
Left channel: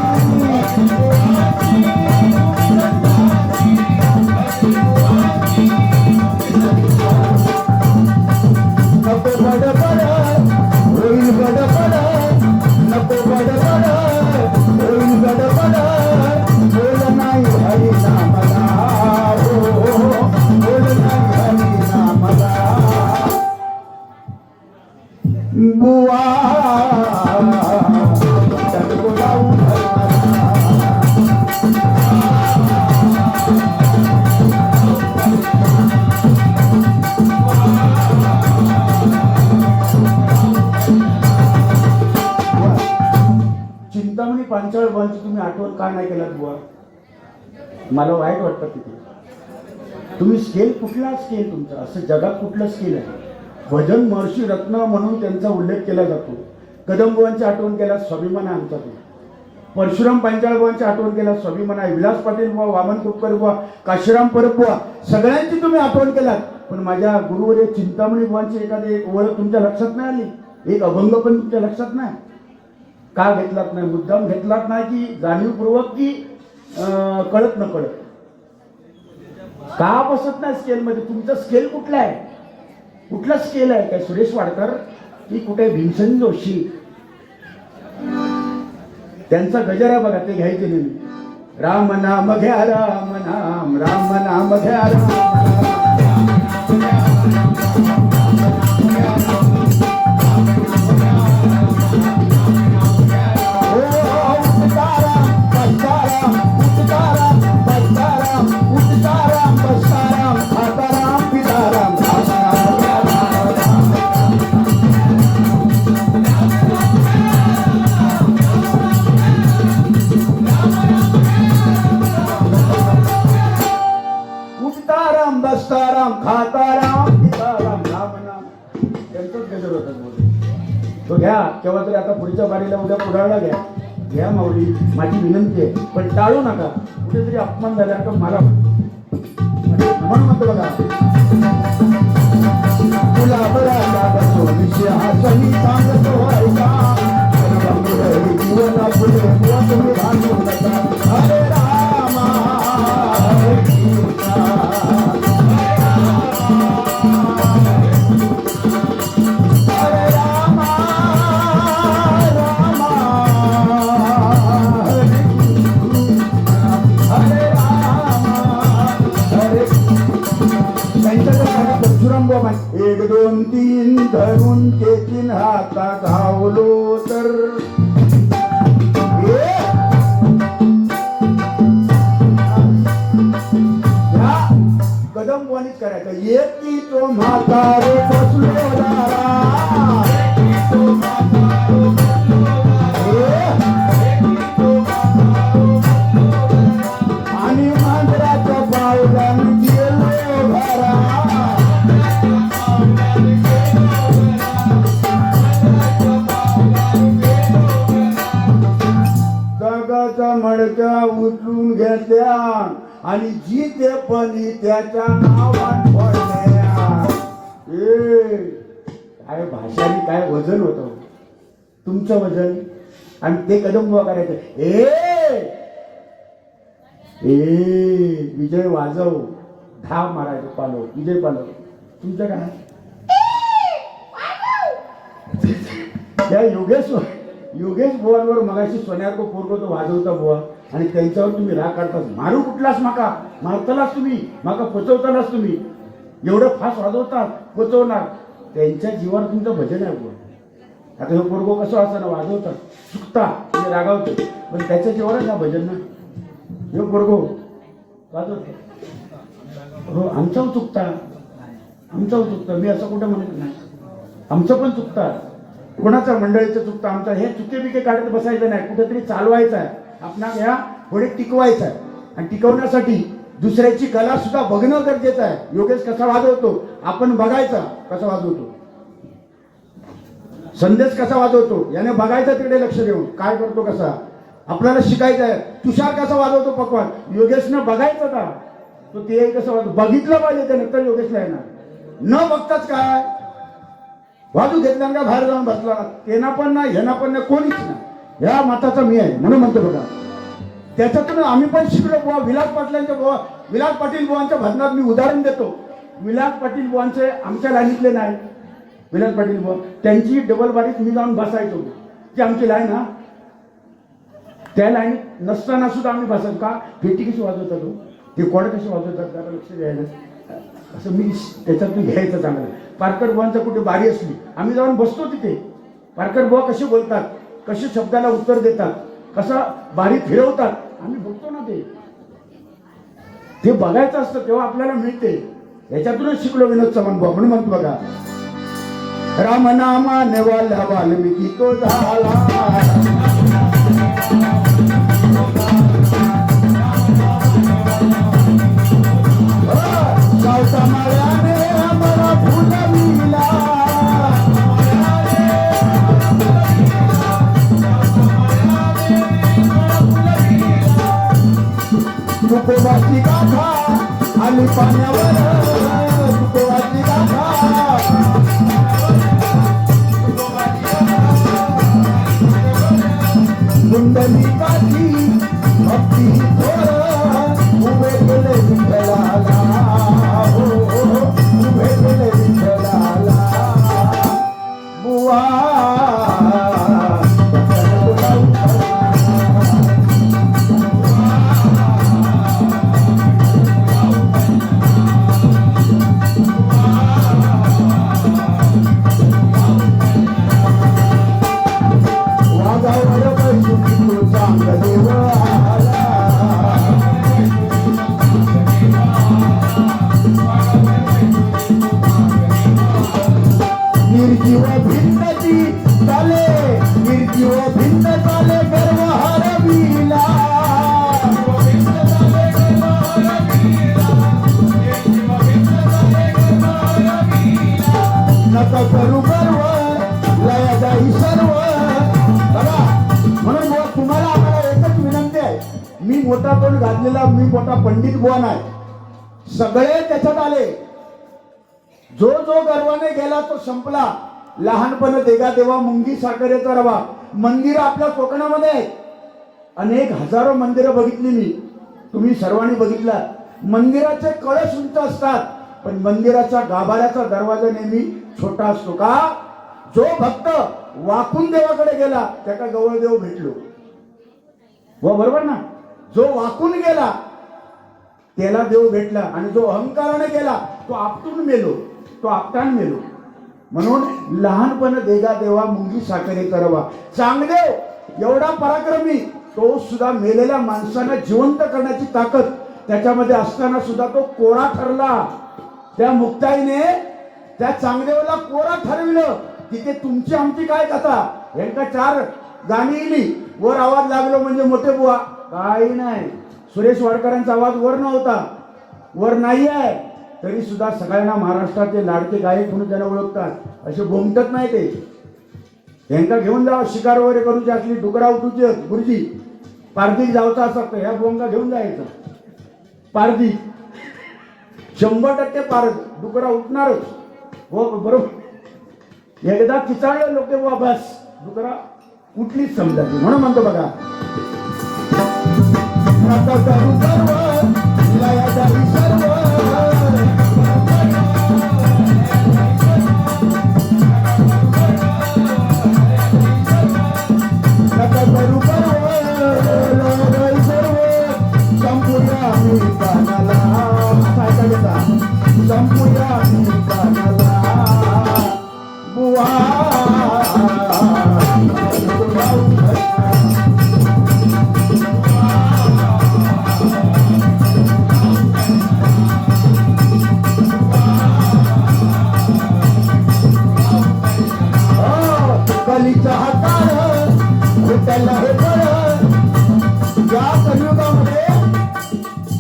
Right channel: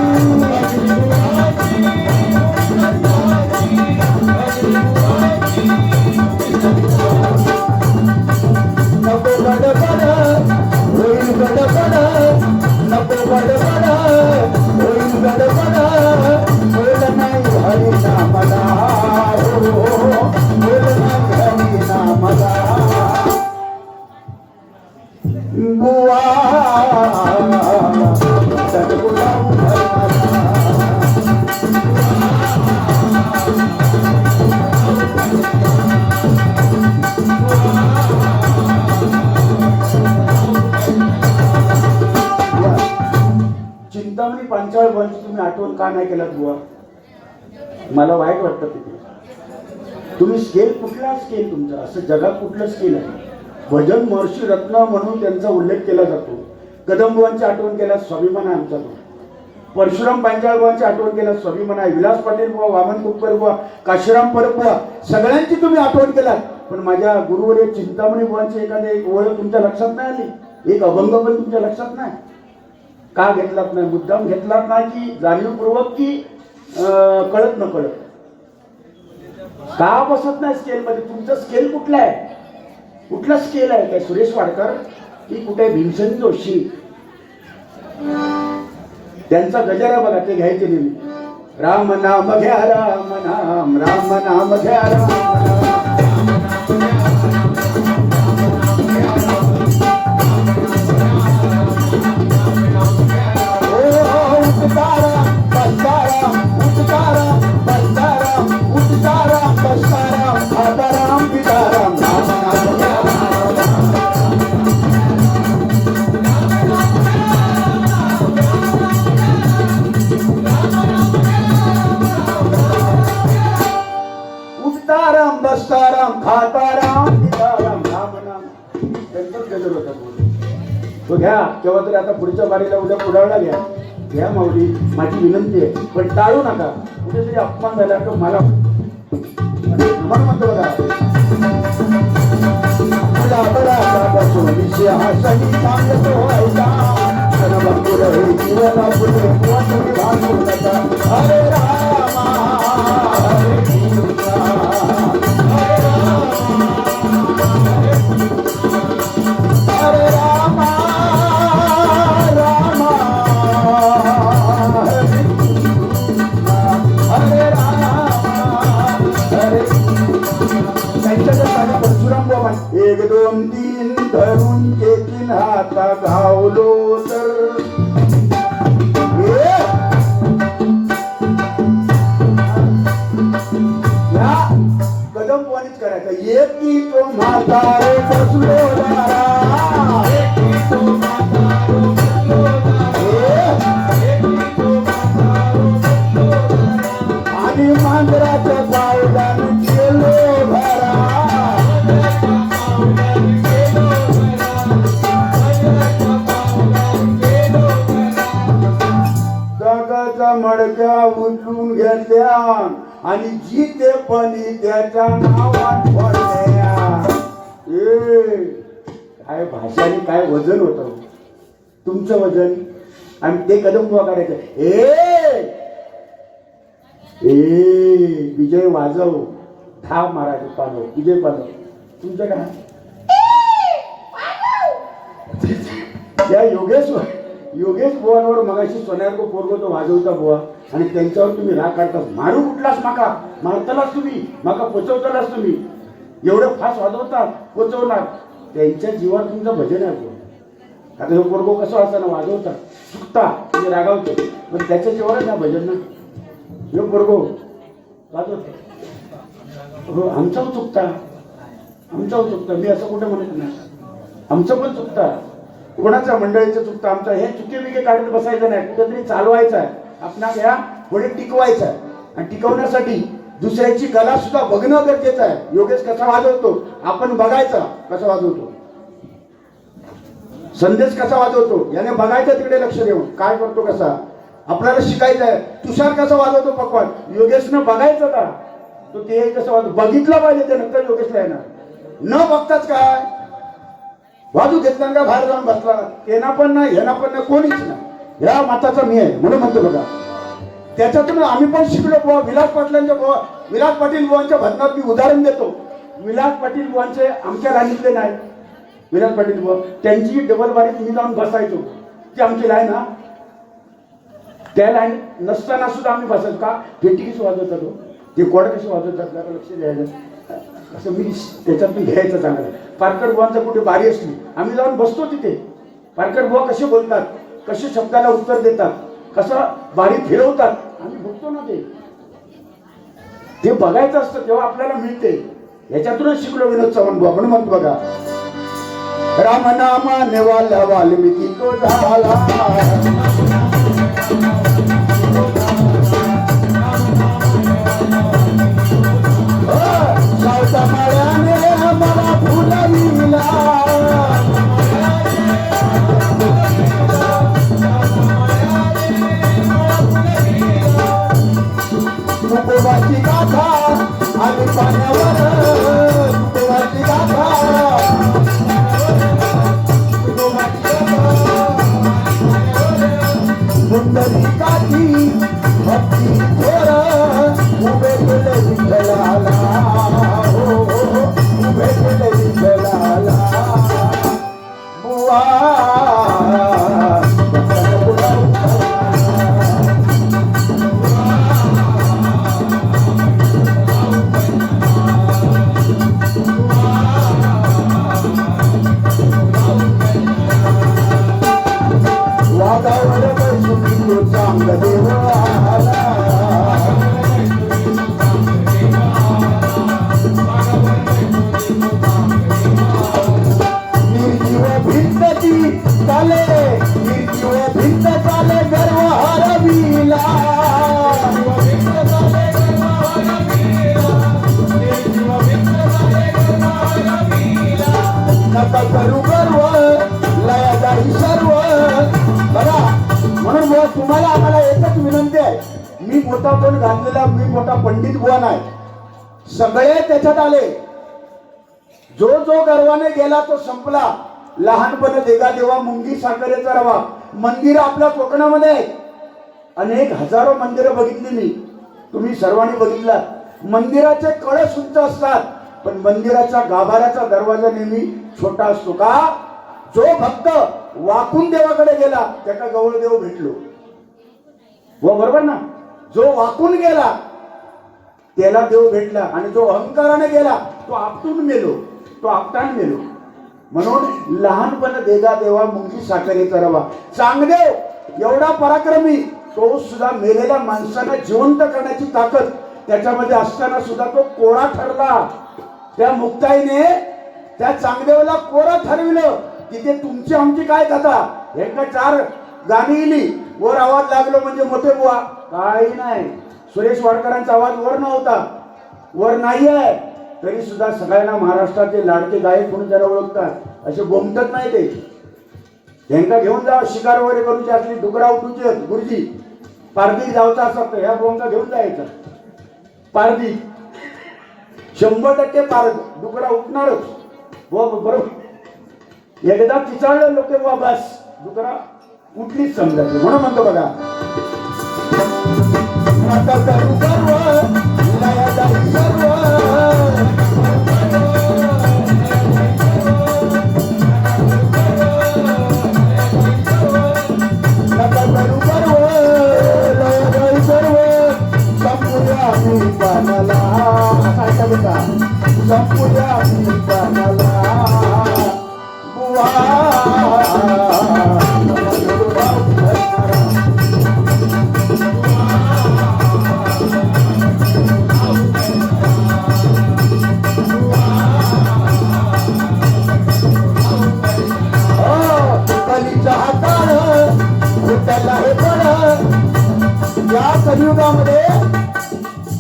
चिंतामणी पांचाळ बंच तुम्ही आठवण का नाही केलात बुवा मला वाईट वाटतं. तिथे तुम्ही स्केल कुठला स्केल तुमचा असं जगात कुठलं स्केल आहे. भजन महर्षी रत्न म्हणून त्यांचा उल्लेख केला जातो. कदमबुवांची आठवण केल्यास स्वाभिमान आहे आमचा. परशुराम पांचाळबुवांची आठवण केल्यास स्वाभिमान आहे. विलास पाटील बुवा वामन कुटकर बुवा काशीराम परब बुवा सगळ्यांची तुम्ही आठवण केलात. पण माझ्या गुरुवर्य चिंतामणी बुवांची एखादी एक ओळख तुमच्या लक्षात नाही आली. एक अभंग पण तुमच्या लक्षात नाही. का घेतलात नाही मुद्दाम घेतलात नाही की जाणीवपूर्वक की कळत न कळत का बसत नाही स्केलमध्ये. तुमचं स्केल कुठलं आहे कुठलं स्केल आहे काय सुरेश वाडकर की कुठे भीमसेन जोशी त्यांचा गजर आहे बघा ते घ्यायचे नेहमी. राम नाम घ्या राम नाम राम नाम घ्या राम नाम तो घ्या केव्हा तरी. आता पुढच्या गाडीला उद्या उडाळला घ्या माऊली माझी विनंती आहे. पण टाळू नका. कुठेतरी अपमान झाला तर मला म्हणून म्हणतो बघा, गुलाबरागापासून विषय हा सही सांगतो व्हायचा, कनवापुर हे जीवना पुढे वाटून घालू नका. हरे रामा हरे कृष्णा हरे रामा रामा हरे कृष्णा हरे रामा हरे. त्यांच्याकडे सांगा परशुराम बाबा, 1 2 3 धरून ते 3 हाता घावलो तर या कदम बोनीच करायचं. एकी तो म्हातारे बसलो दारा, आणि मांजराच्या पावलानं गेलो घरा. जगाचा मडका उचलून घेतल्या आणि जी ते पणी त्याच्या नावात पडल्या. काय भाषाने काय वजन होतं तुमचं वजन, आणि ते कदम उभा करायचं. विजय वाजव, धाव मारायचं पालव, विजय पालव. तुमचं काय त्या योगेश बुवांवर मगाशी सोन्याको पोरगो तो वाजवता बुवा, आणि त्यांच्यावर तुम्ही राग काढतास. मारू कुठलास माका, मारतलास तुम्ही, माका पोचवतालास तुम्ही, एवढं फास्ट वाजवतात, पोचवणार. त्यांच्या जीवावर तुमचं भजन आहे बुवा. आता हे पोरगो कसं असताना वाजवतात, चुकता म्हणजे रागावतो, पण त्याच्या जीवावर ना भजन ना. हे पोरगो वाजवतो, हो आमचं चुकता, आमचं चुकतं. मी असं कुठे म्हणत नाही, आमचं पण चुकतं, कोणाचं मंडळीचं चुकतं. आमचं हे चुके बिके काढत बसायचं नाही, कुठेतरी चालवायचं आहे आपणाला, या पुढे टिकवायचं आहे. आणि टिकवण्यासाठी दुसऱ्याची गला सुद्धा बघणं गरजेचं आहे. योगेश कसा वाजवतो आपण बघायचा, कसा वाजवतो, संदेश कसा वाजवतो याने बघायचं, तिकडे लक्ष देऊन काय करतो कसा आपल्याला शिकायचं आहे. तुषार कसा वाजवतो पकवान, योगेशनं बघायचं का, तो ते कसं वाजवतो बघितलं पाहिजे, ते नंतर योगेशला येणार. न बघताच काय वाजू घेतल्या का बाहेर जाऊन बसला, तेना पण नाही ह्याना पण नाही, कोणीच नाही. ह्या मताचा मी आहे म्हणून म्हणतो बघा. त्याच्यातून आम्ही पण शिकलो बुवा. विलास पाटलांच्या बुवा, विलास पाटील बुवांच्या भजनात मी उदाहरण देतो. विलास पाटील बुवांचे आमच्या लाईनीतले नाही, विलास पाटील बुवा त्यांची डबल बारीत मी जाऊन बसायचो. जी आमची लाईन ना, त्या लाईन नसताना सुद्धा आम्ही बसायचो. का पेटी कशी वाजवतात, ते कोड कसे वाजवतात, जरा लक्ष द्यायचं असं मी त्याच्यातून घ्यायचं चांगलं. पारकर बुवांचा कुठे बारी असली आम्ही जाऊन बसतो तिथे. पारकर बुवा कसे बोलतात, कसे शब्दाला उत्तर देतात, कसं बारी फिरवतात, आम्ही बघतो ना. ते बघायचं असतं तेव्हा आपल्याला मिळते. याच्यातूनच शिकलो विनोद चव्हाण बुवा. म्हणून म्हणतो बघा, राम नामा निवाला वाल्मिकी तो झाला, मी मोठा पंडित बुवा नाही, सगळे त्याच्यात आले. जो जो गर्वाने गेला तो संपला. लहानपण देगा देवा मुंगी साखरेचा रवा. मंदिर आपल्या कोकणामध्ये आहेत. अनेक हजारो मंदिरं बघितली मी, तुम्ही सर्वांनी बघितलात. मंदिराचे कळस उंच असतात, पण मंदिराच्या गाभाऱ्याचा दरवाजा नेहमी छोटा असतो. का? जो भक्त वाकून देवाकडे गेला त्याला गवळ देव भेटलो. हो बरोबर ना? जो वाकून गेला त्याला देव भेटला, आणि जो अहंकाराने गेला तो आपटून मेलो, तो आपटान मेलो. म्हणून लहानपण देगा देवा मुंगी साखरेचा रवा. चांगदेव एवढा पराक्रमी, तो सुद्धा मेलेल्या माणसांना जिवंत करण्याची ताकद त्याच्यामध्ये असताना सुद्धा तो कोरा ठरला. त्या मुक्ताईने त्या चांगदेवाला कोरा ठरविलं. तिथे तुमची आमची काय कथा? यांका 4 गाणी इली, वर आवाज लागलो म्हणजे मोठे बुवा. काही नाही, सुरेश वाडकरांचा आवाज वर नव्हता, वर नाही आहे, तरी सुद्धा सगळ्यांना महाराष्ट्राचे लाडके गायक म्हणून त्याला ओळखतात. असे गोमटत नाही ते. यांका घेऊन जावं शिकार वगैरे करूची असली, डुकरा उठूचे गुरुजी, पारदीक जावचा असं ह्या बोंगा घेऊन जायचा. पारदीक 100% पारद डुकरा उठणारच. हो बरोबर. एकदा किचाळलं लोक बुवा, बस डुकरा कुठलीच समजायची. म्हणून म्हणतो बघा,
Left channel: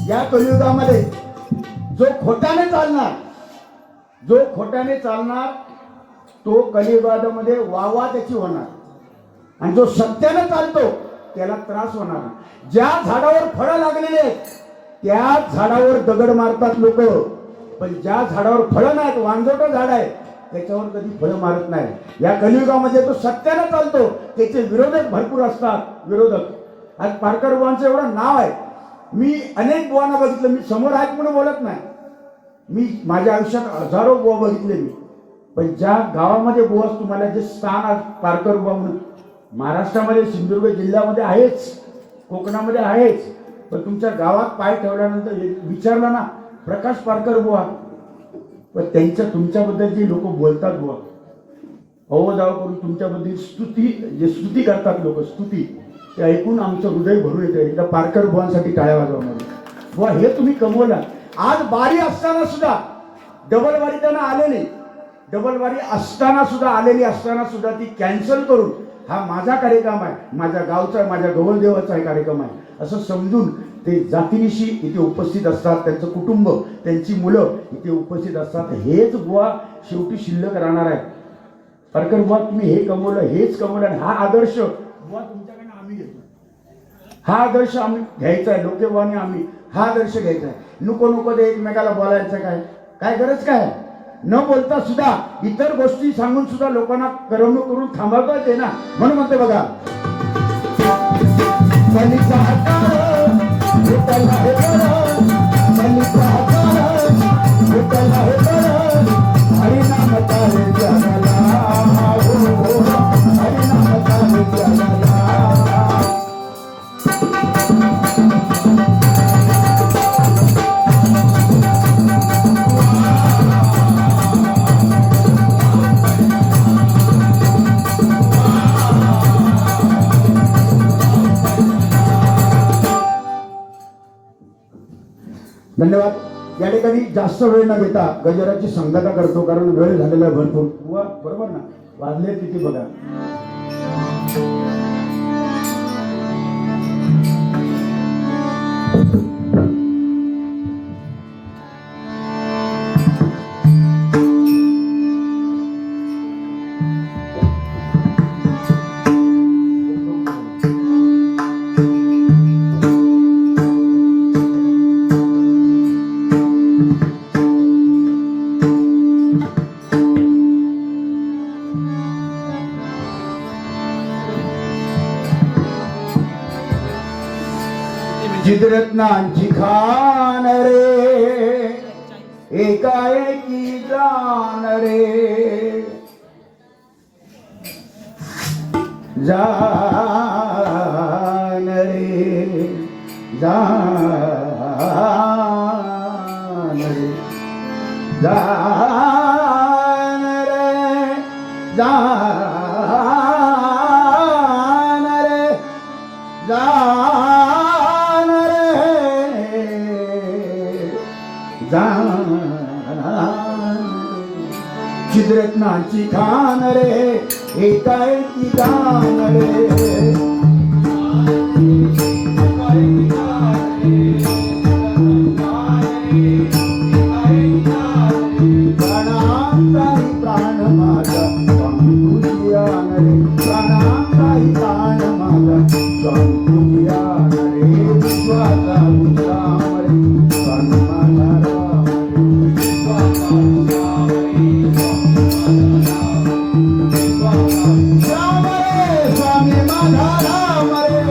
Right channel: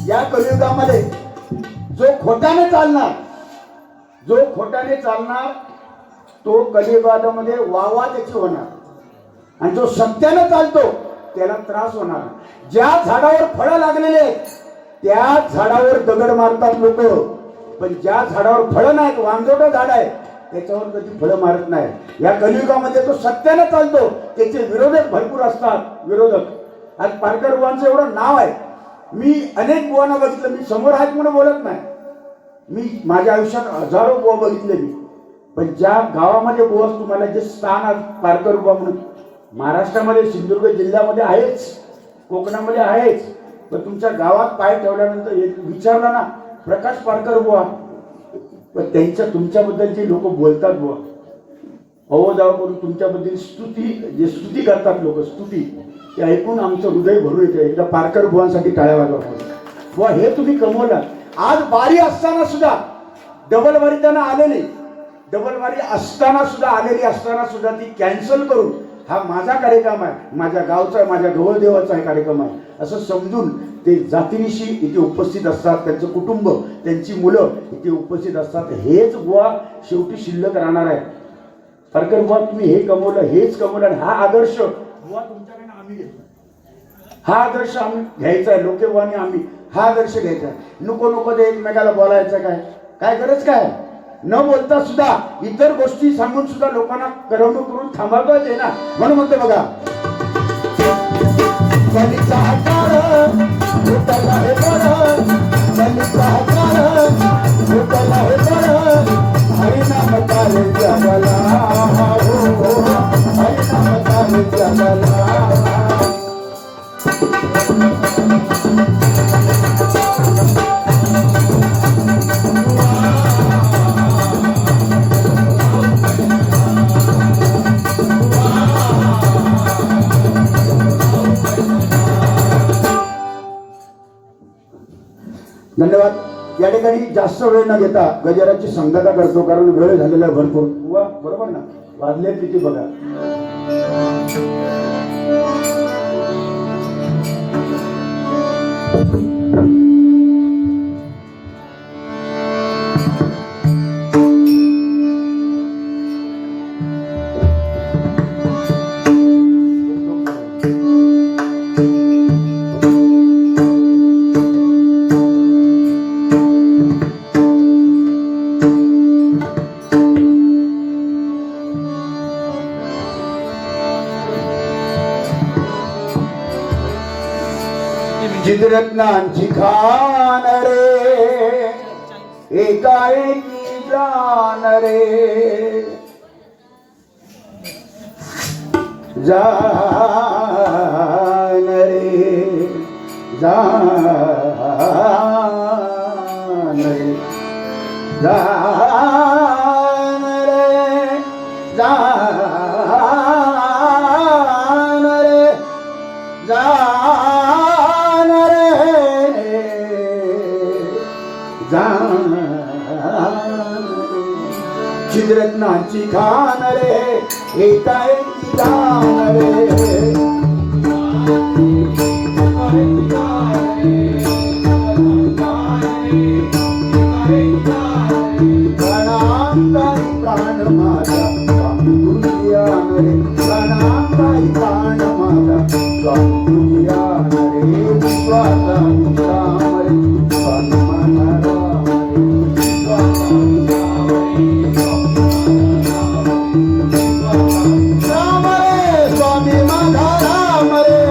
या कलियुगामध्ये जो खोट्याने चालणार तो कलियुगामध्ये वावा त्याची होणार, आणि जो सत्याने चालतो त्याला त्रास होणार. ज्या झाडावर फळं लागलेले आहेत त्या झाडावर दगड मारतात लोक, पण ज्या झाडावर फळं नाहीत, वांजोटं झाड आहे, त्याच्यावर कधी फळं मारत नाही. या कलियुगामध्ये तो सत्याने चालतो, त्याचे विरोधक भरपूर असतात. विरोधक आज पारकर बुवांचं एवढं नाव आहे. मी अनेक बुवांना बघितलं, मी समोर आहेत म्हणून बोलत नाही, मी माझ्या आयुष्यात हजारो बुवा बघितले मी. पण ज्या गावामध्ये बुवा तुम्हाला जे स्थान आज पारकर बुवा म्हणून महाराष्ट्रामध्ये सिंधुदुर्ग जिल्ह्यामध्ये आहेच, कोकणामध्ये आहेच, तर तुमच्या गावात पाय ठेवल्यानंतर विचारलं ना प्रकाश पारकर बुवा, पण त्यांच्या तुमच्याबद्दल जे लोक बोलतात बुवा, अवजाव करून तुमच्याबद्दल स्तुती करतात लोक, स्तुती, ते ऐकून आमचं हृदय भरून येतं. एकदा पारकर बुवांसाठी टाळ्या वाजवा बुवा. हे तुम्ही कमवलं. आज बारी असताना सुद्धा डबल वारी त्यांना आलेली, डबल वारी असताना सुद्धा ती कॅन्सल करून हा माझा कार्यक्रम आहे, माझ्या गावचा आहे, माझ्या गवळदेवाचा कार्यक्रम आहे असं समजून ते जातीनिशी इथे उपस्थित असतात. त्यांचं कुटुंब, त्यांची मुलं इथे उपस्थित असतात. हेच बुवा शेवटी शिल्लक राहणार आहे. पारकर बुवा तुम्ही हे कमवलं, हेच कमवलं, आणि हा आदर्श बुवा तुमच्याकडे आम्ही घेतो. हा आदर्श आम्ही घ्यायचा आहे. लोकेवानी आम्ही हा आदर्श घ्यायचा आहे. नको ते एकमेकाला बोलायचं काय गरज काय? न बोलता सुद्धा इतर गोष्टी सांगून सुद्धा लोकांना करवणूक करून थांबवता येते ना. म्हणून म्हणतो बघा, धन्यवाद. या ठिकाणी जास्त वेळ न घेता गजराची संगता करतो, कारण वेळ झालेला आहे भरपूर. बरोबर ना? वाजले किती बघा. चित्ररत्नांची खान रे एकाएकी जान रे जान रे जान रे जान रे जान रे जान चित्ररत्नांची खान रे एकाएकी जान रे प्राणांताई प्राण माझा स्वामी तुझिया रे प्राणांताई प्राण माझा स्वामी तुझिया रे विश्वासा मुक्ताम रे स्वामी माझा राम रे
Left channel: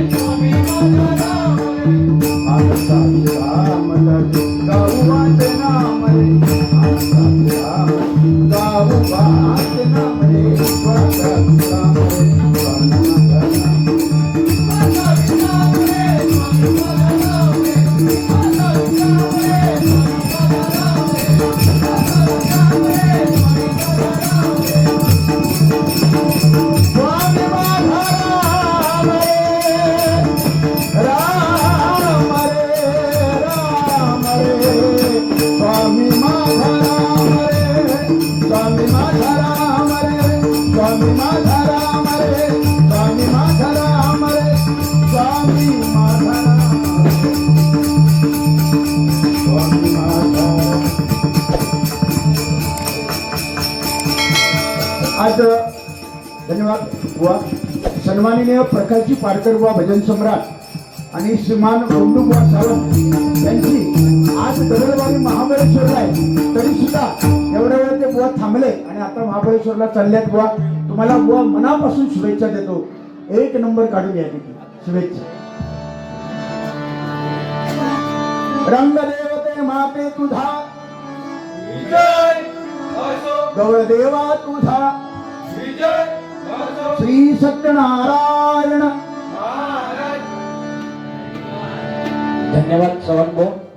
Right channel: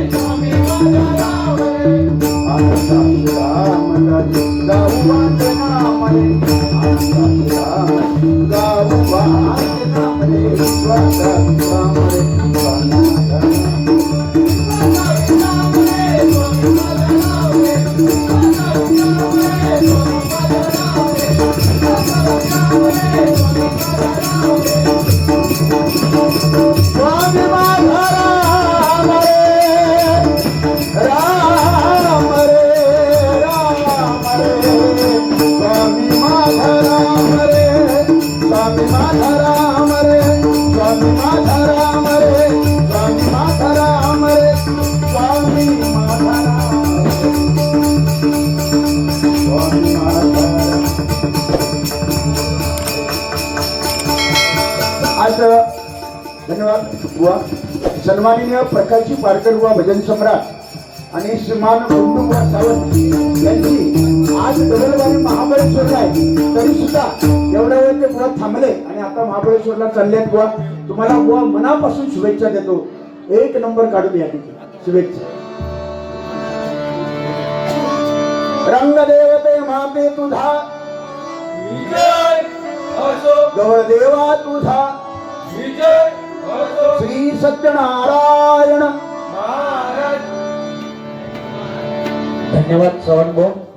स्वामी माझा राम रे आज धन्यवाद बुवा सन्माननीय प्रकाशजी पारकर बुवा भजन सम्राट आणि श्रीमान बंडू बुवा सावंत यांची आज डबलवारी महाबळेश्वरला आहे तरी सुद्धा एवढ्या वेळ ते बुवा थांबले आणि आता महाबळेश्वरला चाललेत बुवा तुम्हाला बुवा मनापासून शुभेच्छा देतो एक नंबर काढून या तिथे शुभेच्छा रंगदेवते माते तुझा गवदेवा तुझा श्री सत्यनारायण धन्यवाद चव्हाण भाऊ.